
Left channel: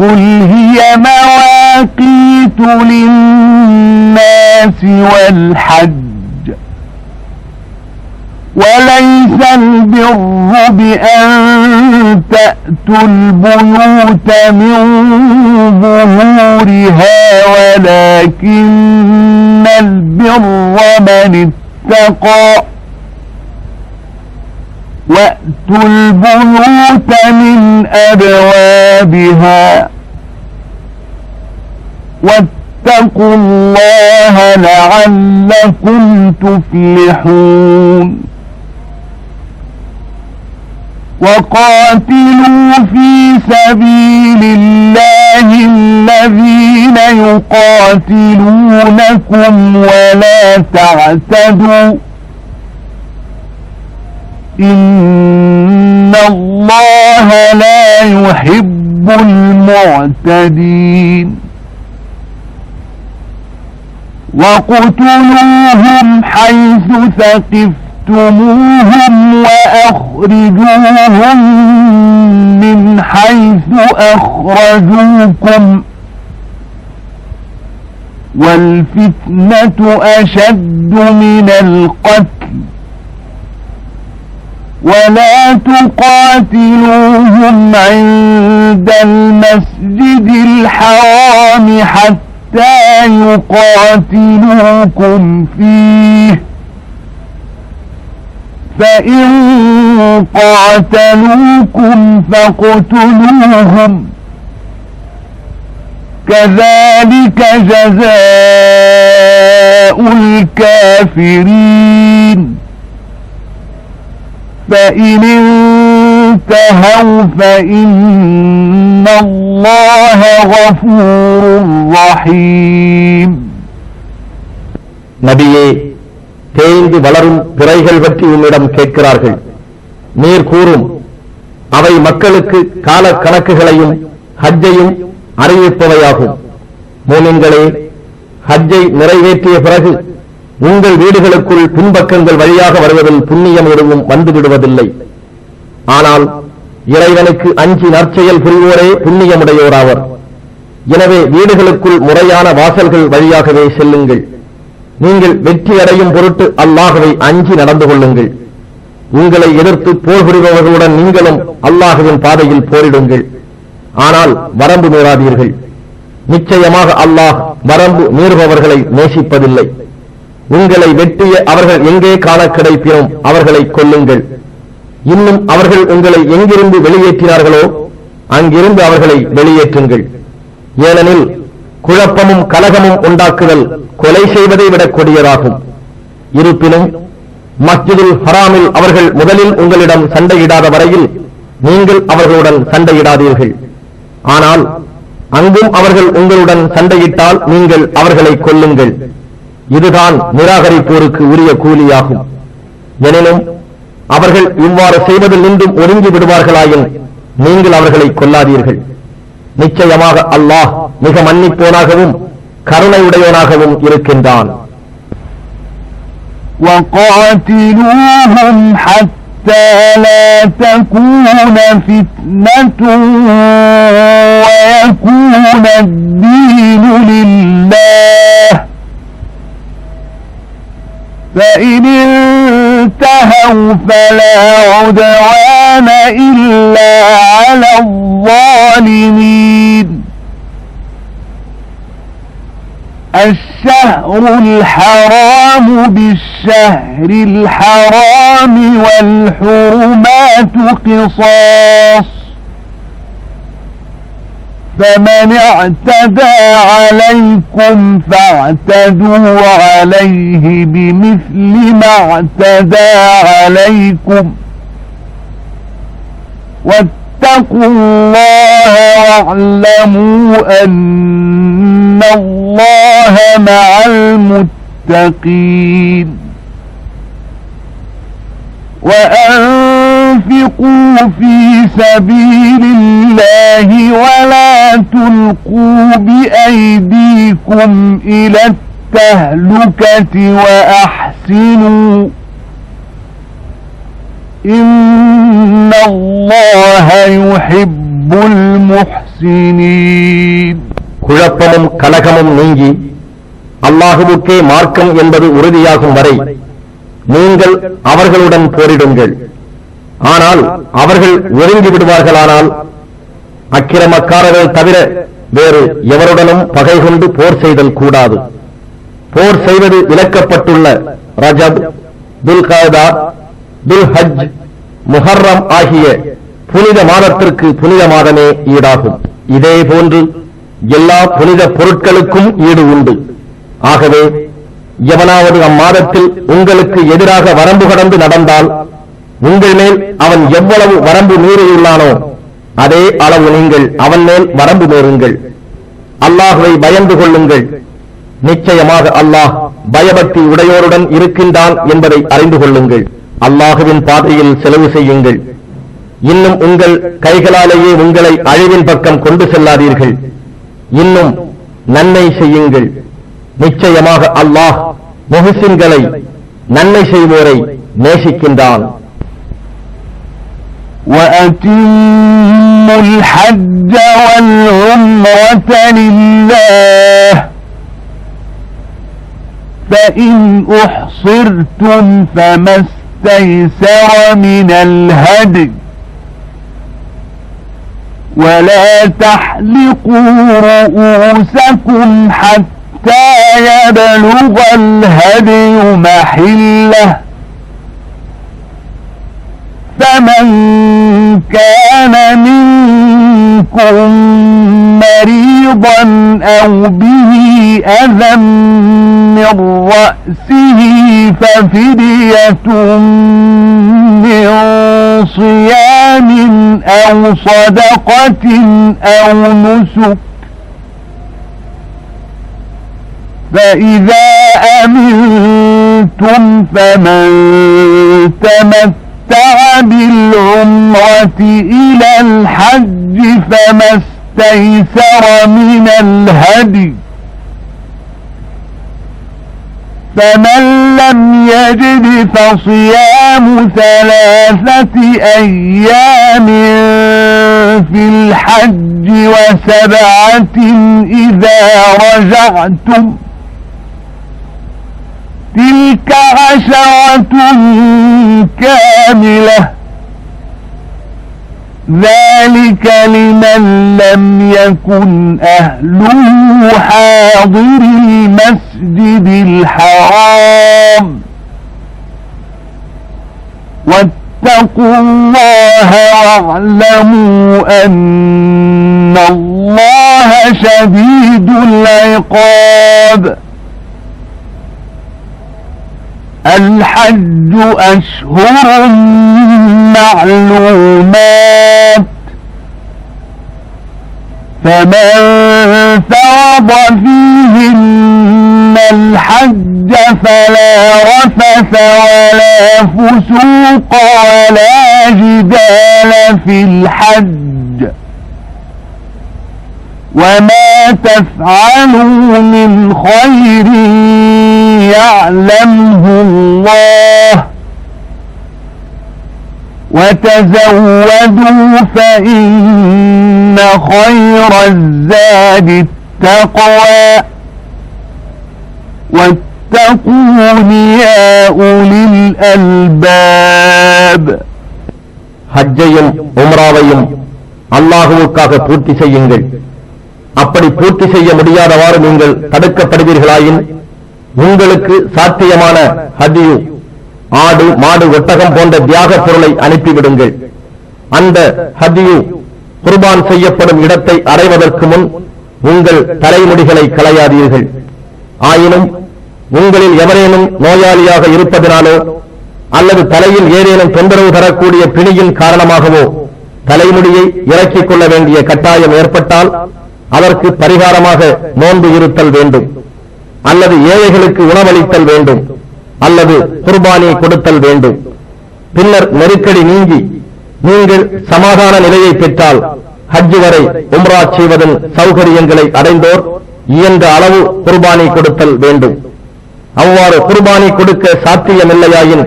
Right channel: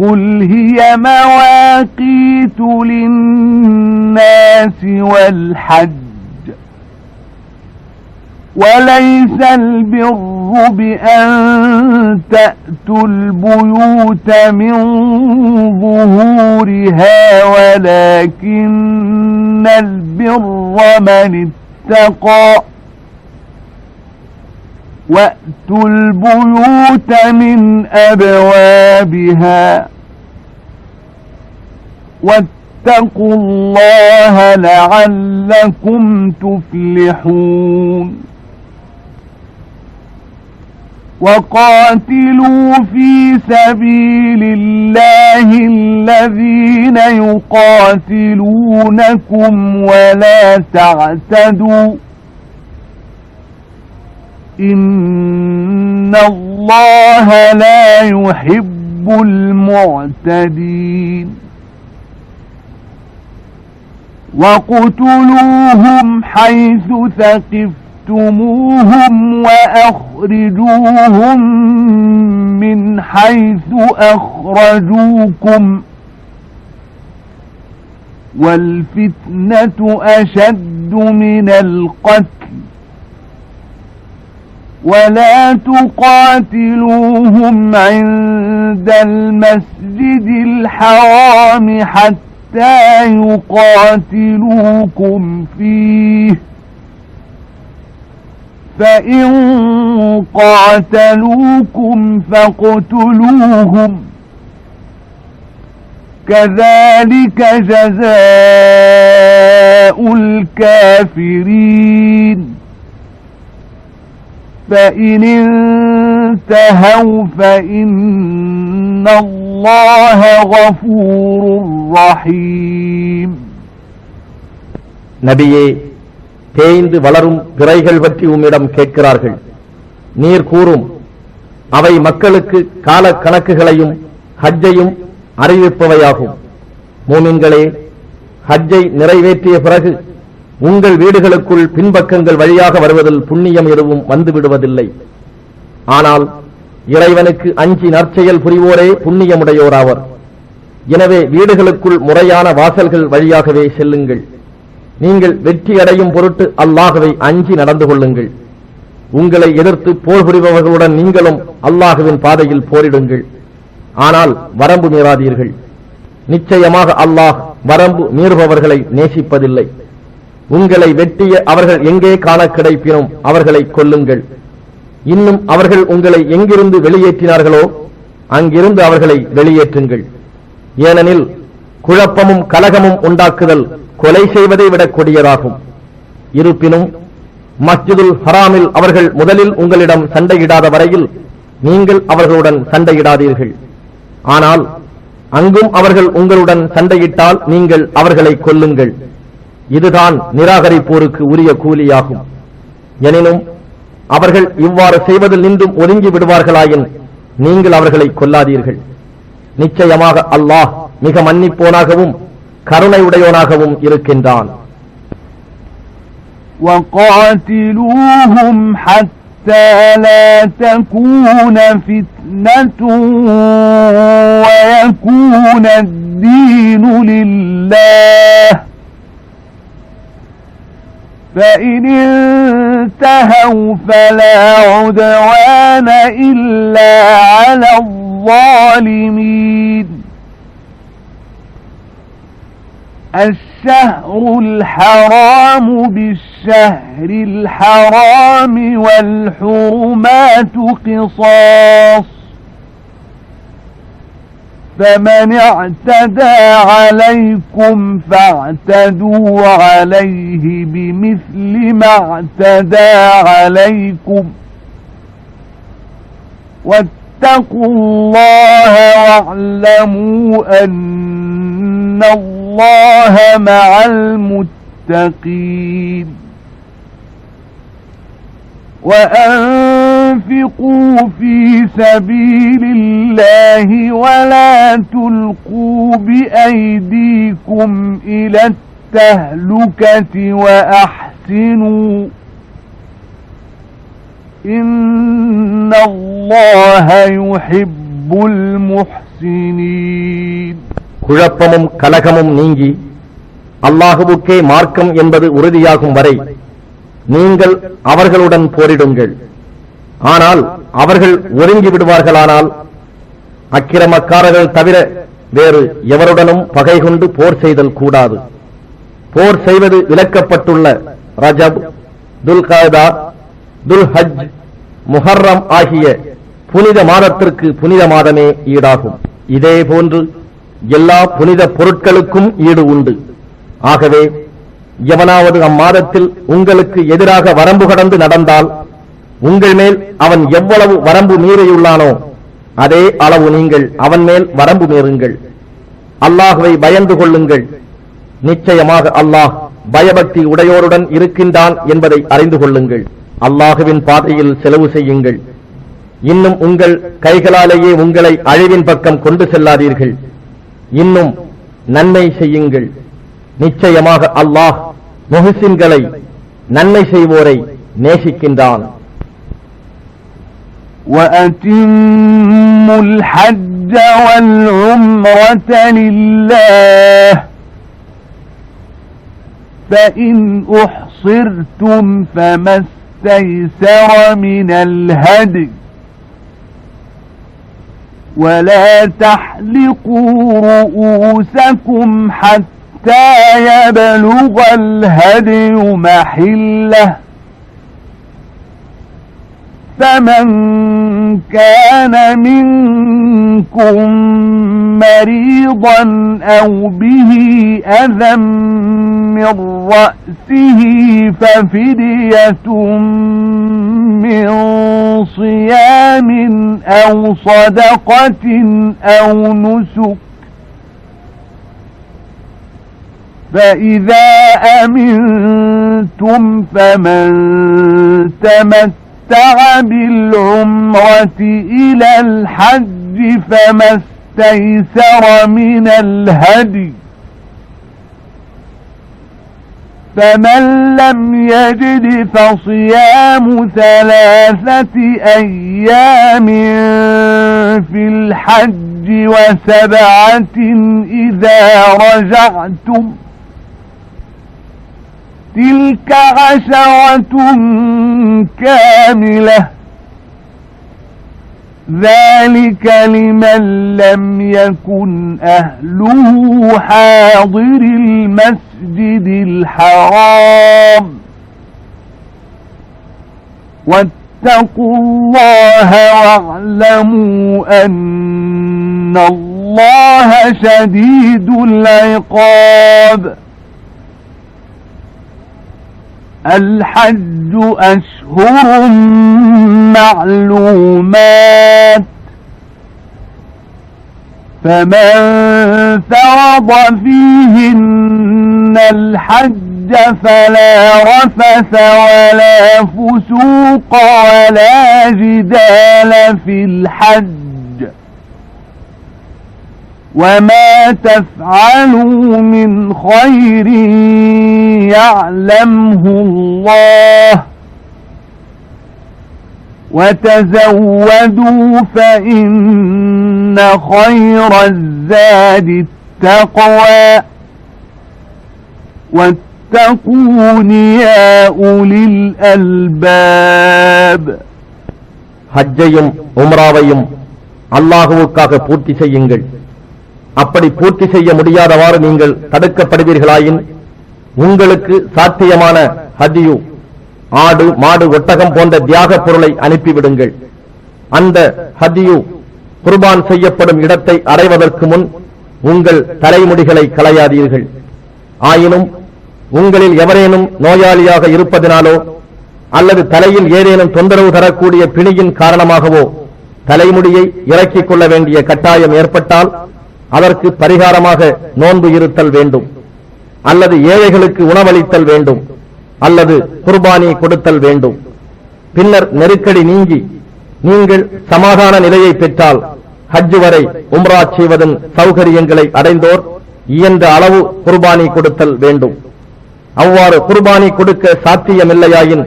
قل هي مواقيت للناس والحج وليس البر بأن تأتوا البيوت من ظهورها ولكن البر من اتقى وأتوا البيوت من أبوابها واتقوا الله لعلكم تفلحون وقاتلوا في سبيل الله الذين يقاتلونكم ولا تعتدوا إن الله لا يحب المعتدين وقتلوهم حيث ثقفتموهم وأخرجوهم من حيث أخرجوكم والفتنة أشد من القتل ولا تقاتلوهم عند المسجد الحرام حتى يقاتلوكم فيه فإن قاتلوكم فاقتلوهم كذلك جزاء الكافرين فإن انتهوا فإن الله غفور رحيم. நபியே, தேய்ந்து வளரும் பிறைகள் பற்றி உன்னிடம் கேட்கிறார்கள். நீர் கூறும், அவை மக்களுக்கு கால கணக்குகளையும் ஹஜ்ஜையும் அறிவிப்பவையாகும். மூமின்களே, ஹஜ்ஜை நிறைவேற்றிய பிறகு உங்கள் வீடுகளுக்குள் பின்பக்கங்கள் வழியாக வருவதில் புண்ணியம் எதுவும் வந்துவிடுவதில்லை. ஆனால் இறைவனுக்கு அஞ்சி நற்செயல் புரிவோரே புண்ணியமுடையோராவர். எனவே வீடுகளுக்குள் முறையான வாசல்கள் வழியாகவே செல்லுங்கள். நீங்கள் வெற்றி அடையும் பொருட்டு அல்லாஹ்வை அஞ்சி நடந்து கொள்ளுங்கள். உங்களை எதிர்த்து போர் புரிபவர்களுடன் நீங்களும் அல்லாஹ்வின் பாதையில் போரிடுங்கள். ஆனால் வரம்பு மீறாதீர்கள். நிச்சயமாக அல்லாஹ் வரம்பு மீறுபவர்களை நேசிப்பதில்லை. உங்களை வெட்டிய அவர்கள் எங்கே காண கிடைப்பினும் அவர்களை கொல்லுங்கள். இன்னும் அவர்கள் உங்களை எங்கிருந்து வெளியேற்றினார்களோ அங்கிருந்து அவர்களை வெளியேற்றுங்கள். ஏனெனில் குழப்பமும் கலகமும் உண்டாக்குதல் கொலை செய்வதை விட கொடியதாகும். இருப்பினும் மஸ்ஜிதுல் ஹராமில் அவர்கள் முதலில் உங்களிடம் சண்டையிடாத வரையில் நீங்கள் அவர்களுடன் சண்டையிடாதீர்கள். ஆனால் அங்கும் அவர்கள் உங்களுடன் சண்டையிட்டால் நீங்கள் அவர்களை கொல்லுங்கள். இதுதான் நிராகரிப்போருக்கு உரிய கூலியாகும். எனினும் அவர்கள் இவ்வாறு செய்வதில் நின்றும் ஒதுங்கி விடுவார்களாயின் நீங்கள் அவர்களை கொல்லாதீர்கள். நிச்சயமாக அல்லாஹ் மிக மன்னிப்போனாகவும் கருணையுடையவனாகவும் இருக்கின்றான். وَقَاتِلُوهُمْ حَتَّى لَا تَكُونَ فِتْنَةٌ وَيَكُونَ الدِّينُ لِلَّهِ فَإِنِ انتهوا فَلَا عُدْوَانَ إِلَّا عَلَى الظَّالِمِينَ. الشهر الحرام بالشهر الحرام والحرمات قصاص فمن اعتدى عليكم فاعتدوا عليه بمثل ما اعتدى عليكم واتقوا الله واعلموا أن الله مع المتقين. وأنفقوا في سبيل الله ولا تلقوا بأيديكم إلى التهلكة وأحسنوا إن الله يحب المحسنين. குழப்பமும் கலகமும் நீங்கி அல்லாஹுவுக்கே மார்க்கம் என்பது உறுதியாகும் வரை நீங்கள் அவர்களுடன் போரிடுங்கள். ஆனால் அவர்கள் ஒதுங்கி விடுவார்களானால் அக்கிரமக்காரர்கள் தவிர வேறு எவருடனும் பகை கொண்டு போர் செய்தல் கூடாது. போர் செய்வது விலக்கப்பட்டுள்ள ரஜப், துல்காதா, துல்ஹஜ், முஹர்ரம் ஆகிய புனித மாதத்திற்கு புனித மாதமே ஈடாகும். இதே போன்று எல்லா புனித பொருட்களுக்கும் ஈடு உண்டு. ஆகவே எவனாவது அம்மாதத்தில் உங்களுக்கு எதிராக வரம்பு கடந்து நடந்தால் உங்கள் மேல் அவன் எவ்வளவு வரம்பு மீறியுள்ளானோ அதே அளவு நீங்கள் அவன் மேல் வரம்பு மீறுங்கள். அல்லாஹுவை பயந்து கொள்ளுங்கள். நிச்சயமாக அல்லாஹ் பயபக்தி உடையோருடன் இருக்கின்றான் என்பதை அறிந்து கொள்ளுங்கள். அல்லாஹுவின் பாதையில் செலவு செய்யுங்கள். இன்னும் உங்கள் கைகளாலேயே உங்களை அழிவின் பக்கம் கொண்டு செல்லாதீர்கள். இன்னும் நன்மை செய்யுங்கள். நிச்சயமாக அல்லாஹ் முஹ்சின்களை நன்மை செய்வோரை நேசிக்கின்றான். وَأَتِمُّوا الْحَجَّ وَالْعُمْرَةَ لِلَّهِ فَإِنْ أُحْصِرْتُمْ فَمَا اسْتَيْسَرَ مِنَ الْهَدْيِ وَلَا تَحْلِقُوا رُؤُوسَكُمْ حَتَّى يَبْلُغَ الْهَدْيُ مَحِلَّهُ فمن كان منكم مريضا أو به أذى من رأسه ففدية من صيام أو صدقة أو نسك فإذا أمنتم فمن تمتع بالعمرة إلى الحج فما استيسر من الهدي فمن لم يجد فصيام 3 أيام في الحج و7 إذا رجعتم تلك 10 كاملة ذلك لمن لم يكن أهله حاضر المسجد الحرام واتقوا الله واعلموا أن الله شديد العقاب. الحج أشهر معلومات فمن فرض فيهن الحج فلا رفث ولا فسوق ولا جدال في الحج وما تفعلوا من خير يعلمه الله وتزودوا فإن خير الزاد التقوى واتقون يا أولي الألباب. ஹஜ்ஜையும் உம்ராவையும் அல்லாஹுவுக்காக பூர்த்தி செய்யுங்கள். அப்படி பூர்த்தி செய்ய முடியாதவாறு நீங்கள் தடுக்கப்படுவீர்களாயின் உங்களுக்கு சாத்தியமான ஹதியு, ஆடு, மாடு, ஒட்டகம் போன்ற தியாக பொருளை அனுப்பிவிடுங்கள். அந்த ஹதியு குர்பான் செய்யப்படும் இடத்தை அடைவதற்கு முன் உங்கள் தலைமுடிகளை களையாதீர்கள். ஆயினும் உங்களில் எவரேனும் நோயாளியாக இருப்பதனாலோ அல்லது தலையில் ஏதேனும் தொந்தரவு தரக்கூடிய பிணியின் காரணமாகவோ தலைமுடியை இறக்கிக் கொள்ள வேண்டிய கட்டாயம் ஏற்பட்டால் அதற்கு பரிகாரமாக நோன்பு இருத்தல் வேண்டும், அல்லது ஏழைகளுக்கு உணவளித்தல் வேண்டும், அல்லது குர்பானி கொடுத்தல் வேண்டும். பின்னர் நெருக்கடி நீங்கி நீங்கள் சமாதான நிலையை பெற்றால் ஹஜ் வரை உம்ரா செய்வதன் சௌகரியங்களை அடைந்தோர் இயன்ற அளவு குர்பானி கொடுத்தல் வேண்டும். அவ்வாறு குர்பானி கொடுக்க சாத்தியமில்லையாயின்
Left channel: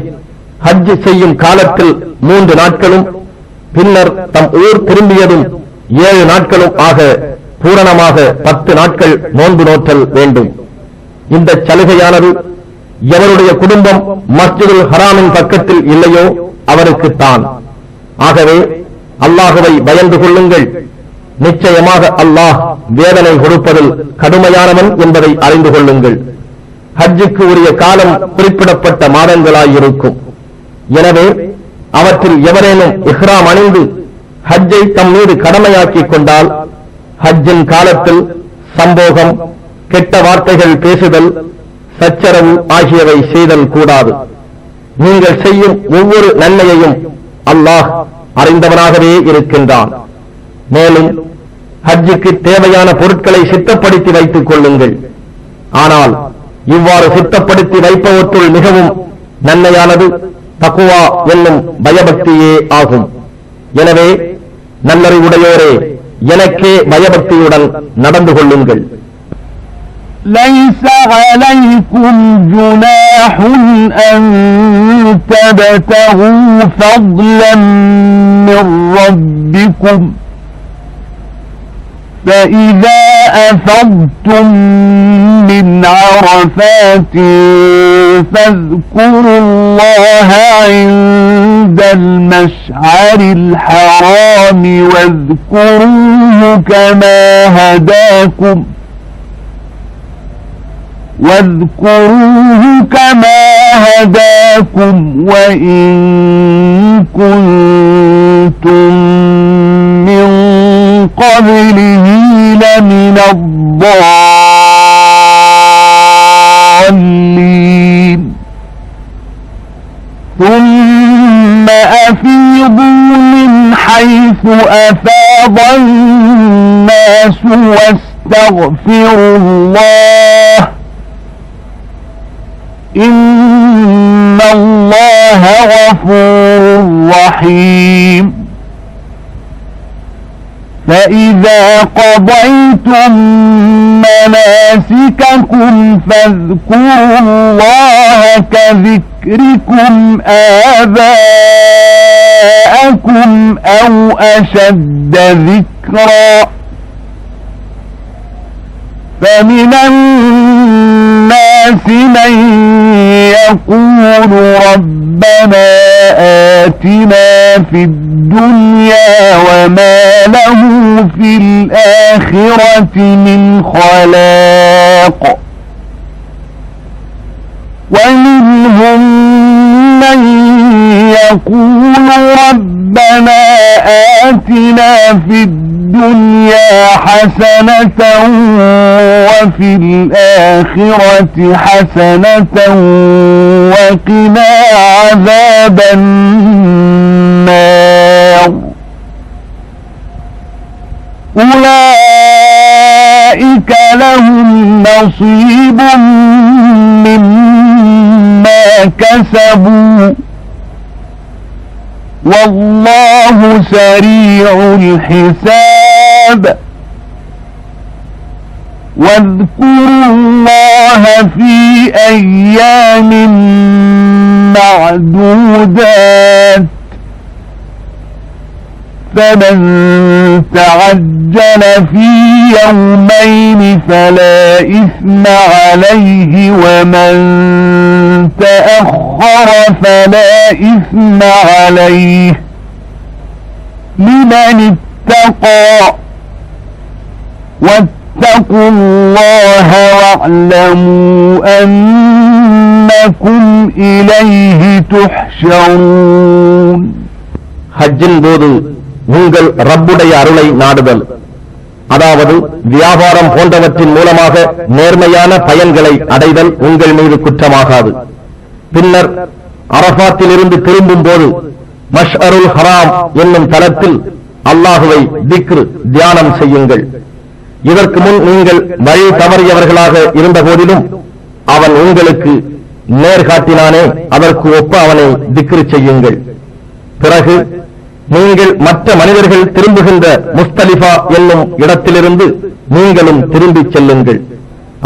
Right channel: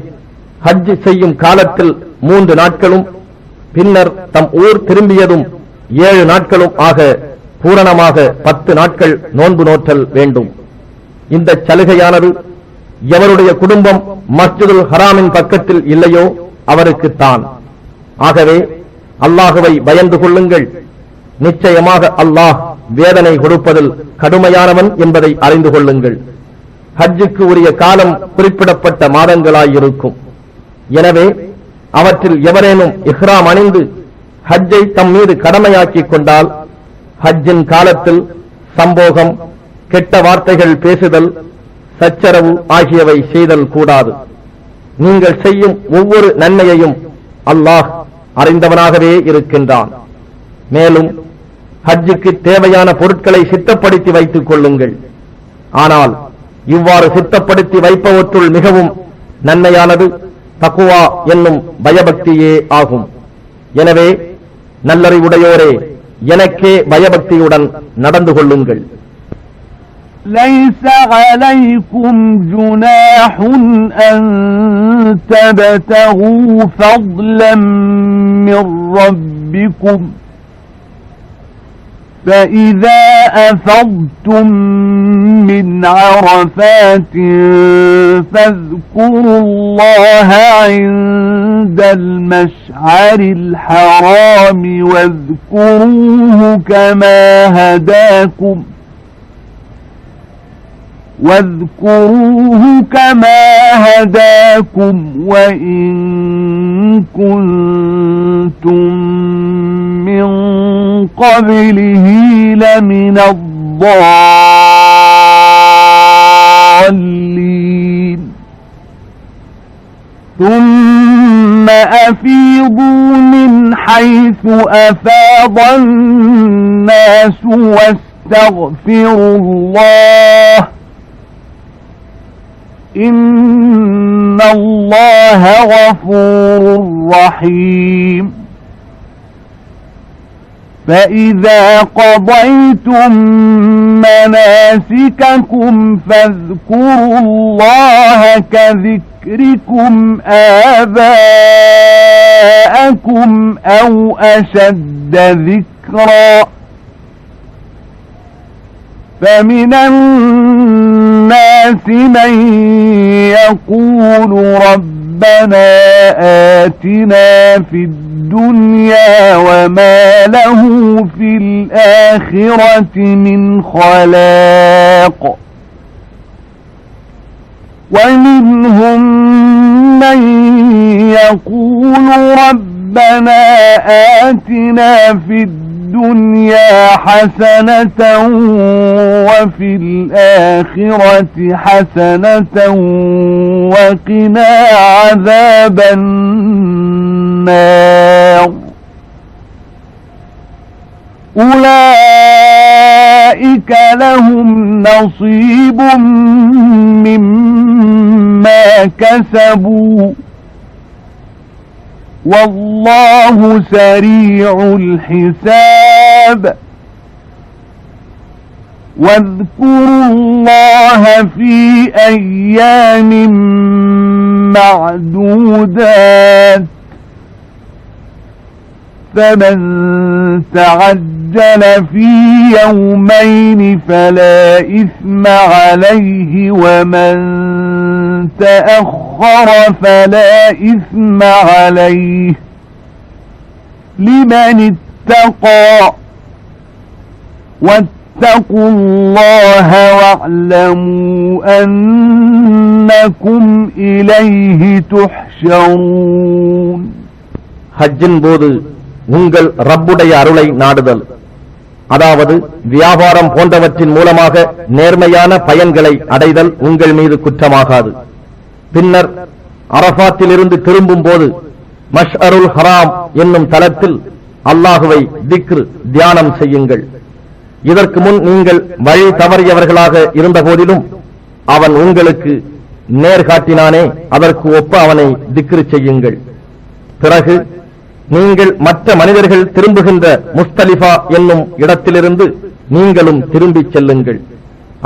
ஹஜ் செய்யும் காலத்தில் 3 நாட்களும் பின்னர் தம் ஊர் திரும்பியதும் 7 நாட்களும் ஆக பூரணமாக 10 நாட்கள் நோன்பு நோற்றல் வேண்டும். இந்த சலுகையானது எவருடைய குடும்பம் மஸ்ஜிதுல் ஹராமின் பக்கத்தில் இல்லையோ அவருக்குத்தான். ஆகவே அல்லாஹுவை பயந்து கொள்ளுங்கள். நிச்சயமாக அல்லாஹ் வேதனை கொடுப்பதில் கடுமையானவன் என்பதை அறிந்து கொள்ளுங்கள். ஹஜ்ஜுக்கு உரிய காலம் குறிப்பிடப்பட்ட மாதங்களாயிருக்கும். எனவே அவற்றில் எவரேனும் இஹ்ராம் அணிந்து ஹஜ்ஜை தம் மீது கடமையாக்கிக் கொண்டால் ஹஜ்ஜின் காலத்தில் சம்போகம், கெட்ட வார்த்தைகள் பேசுதல், சச்சரவு ஆகியவை செய்தல் கூடாது. நீங்கள் செய்யும் ஒவ்வொரு நன்மையையும் அல்லாஹ் அறிந்தவனாகவே இருக்கின்றான். மேலும் ஹஜ்ஜுக்கு தேவையான பொருட்களை சித்தப்படுத்தி வைத்துக் கொள்ளுங்கள். ஆனால் இவ்வாறு சித்தப்படுத்தி வைப்பவற்றுள் மிகவும் நன்மையானது தக்குவா என்னும் பயபக்தியே ஆகும். எனவே நல்லறிவுடையோரே, எனக்கே பயபக்தியுடன் நடந்து கொள்ளுங்கள். ليس عليكم جناح أن تبتغوا فضلا من ربكم فإذا أفضتم من عرفات فاذكروا الله عند المشعر الحرام واذكروه كما هداكم وإن كنتم من قبله لمن الضالين ثم أفيضوا من حيث أفاض الناس واستغفروا الله إن الله غفور رحيم فإذا قضيتم مناسككم فاذكروا الله كذكركم آباءكم أو أشد ذكرا فمن الناس من يقول ربنا آتنا في الدنيا وما له في الآخرة من خلاق ومنهم من يقول ربنا آتنا في الدنيا حسنة وفي الآخرة حسنة وقنا عذاب النار أولئك لهم نصيب مما كسبوا والله سريع الحساب واذكروا الله في أيام معدودات فمن تعجل في يومين فلا إثم عليه ومن تأخر فلا إثم عليه لمن اتقى واتقوا الله واعلموا أنكم إليه تحشرون ஹஜ்ஜின் போது உங்கள் ரப்புடைய அருளை நாடுதல், அதாவது வியாபாரம் போன்றவற்றின் மூலமாக நேர்மையான பயன்களை அடைதல் உங்கள் மீது குற்றமாகாது. பின்னர் அரபாத்திலிருந்து திரும்பும் போது மஷ்அருல் ஹராம் என்னும் தலத்தில் அல்லாஹுவை திக்ர் தியானம் செய்யுங்கள். இதற்கு முன் நீங்கள் வழி தவறியவர்களாக இருந்த போதிலும் அவன் உங்களுக்கு நேர்காட்டினானே, அதற்கு ஒப்ப அவனை திக்ர் செய்யுங்கள். பிறகு நீங்கள் மற்ற மனிதர்கள் திரும்புகின்ற முஸ்தலிஃபா என்னும் இடத்திலிருந்து நீங்களும் திரும்பிச் செல்லுங்கள்.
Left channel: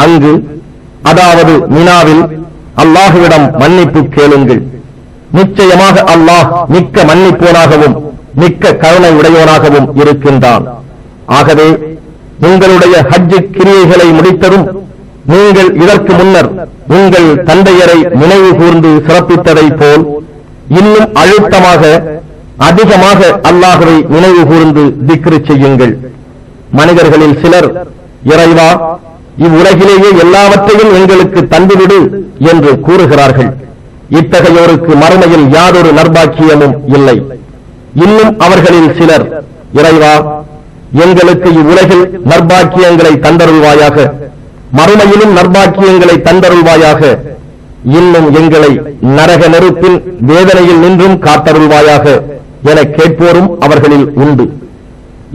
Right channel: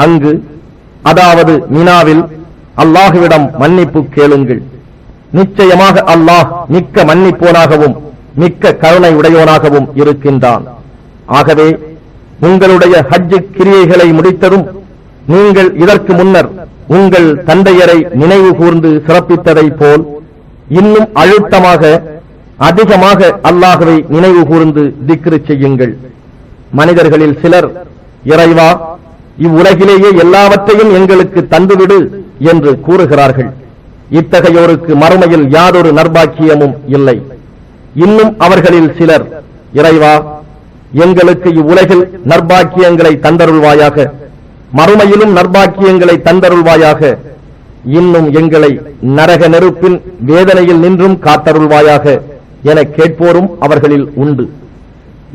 அங்கு, அதாவது மினாவில் அல்லாஹுவிடம் மன்னிப்பு கேளுங்கள். நிச்சயமாக அல்லாஹ் மிக்க மன்னிப்போனாகவும் மிக்க கருணை உடையோனாகவும் இருக்கின்றான். ஆகவே உங்களுடைய ஹஜ் கிரியைகளை முடித்ததும் நீங்கள் இதற்கு முன்னர் உங்கள் தந்தையரை நினைவு கூர்ந்து சிறப்பித்ததை போல் இன்னும் அழுத்தமாக அதிகமாக அல்லாஹுவை நினைவு கூர்ந்து திக்ரு செய்யுங்கள். மனிதர்களில் சிலர், இறைவா, இவ்வுலகிலேயே எல்லாவற்றையும் எங்களுக்கு தந்துவிடு என்று கூறுகிறார்கள். இத்தகையோருக்கு மறுமையில் யாதொரு நற்பாக்கியமும் இல்லை. இன்னும் அவர்களில் சிலர், இறைவா, எங்களுக்கு இவ்வுலகில் நற்பாக்கியங்களை தந்தருள்வாயாக, மறுமையிலும் நற்பாக்கியங்களை தந்தருள்வாயாக, இன்னும் எங்களை நரக நெருப்பின் வேதனையில் நின்றும் காத்தருள்வாயாக என கேட்போரும் அவர்களில் உண்டு.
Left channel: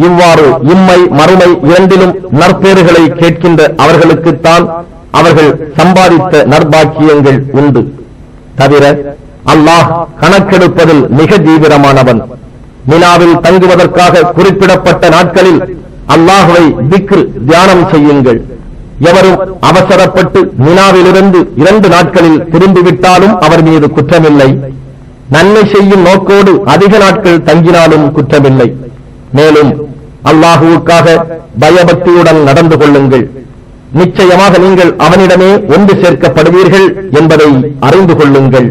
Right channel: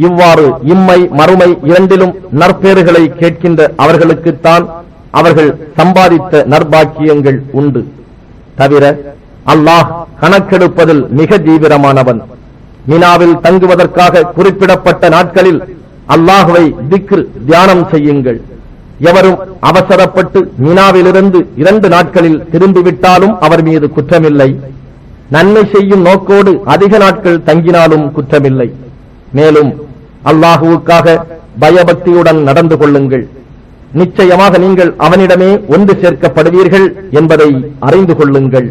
இவ்வாறு இம்மை மறுமை இரண்டிலும் நற்பேறுகளை கேட்கின்ற அவர்களுக்குத்தான் அவர்கள் சம்பாதித்த நற்பாக்கியங்கள் உண்டு. தவிர அல்லாஹ் கணக்கெடுப்பதில் மிக தீவிரமானவன். மினாவில் தங்குவதற்காக குறிப்பிடப்பட்ட நாட்களில் அல்லாஹுவை திக்ர் தியானம் செய்யுங்கள். எவரும் அவசரப்பட்டு மினாவிலிருந்து 2 நாட்களில் திரும்பிவிட்டாலும் அவர் மீது குற்றமில்லை. நன்மை செய்யும் நோக்கோடு அதிக நாட்கள் தங்கினாலும் குற்றமில்லை. மேலும் அல்லாஹுவுக்காக பயபக்தியுடன் நடந்து கொள்ளுங்கள். நிச்சயமாக நீங்கள் அவனிடமே ஒன்று சேர்க்கப்படுவீர்கள் என்பதை அறிந்து கொள்ளுங்கள்.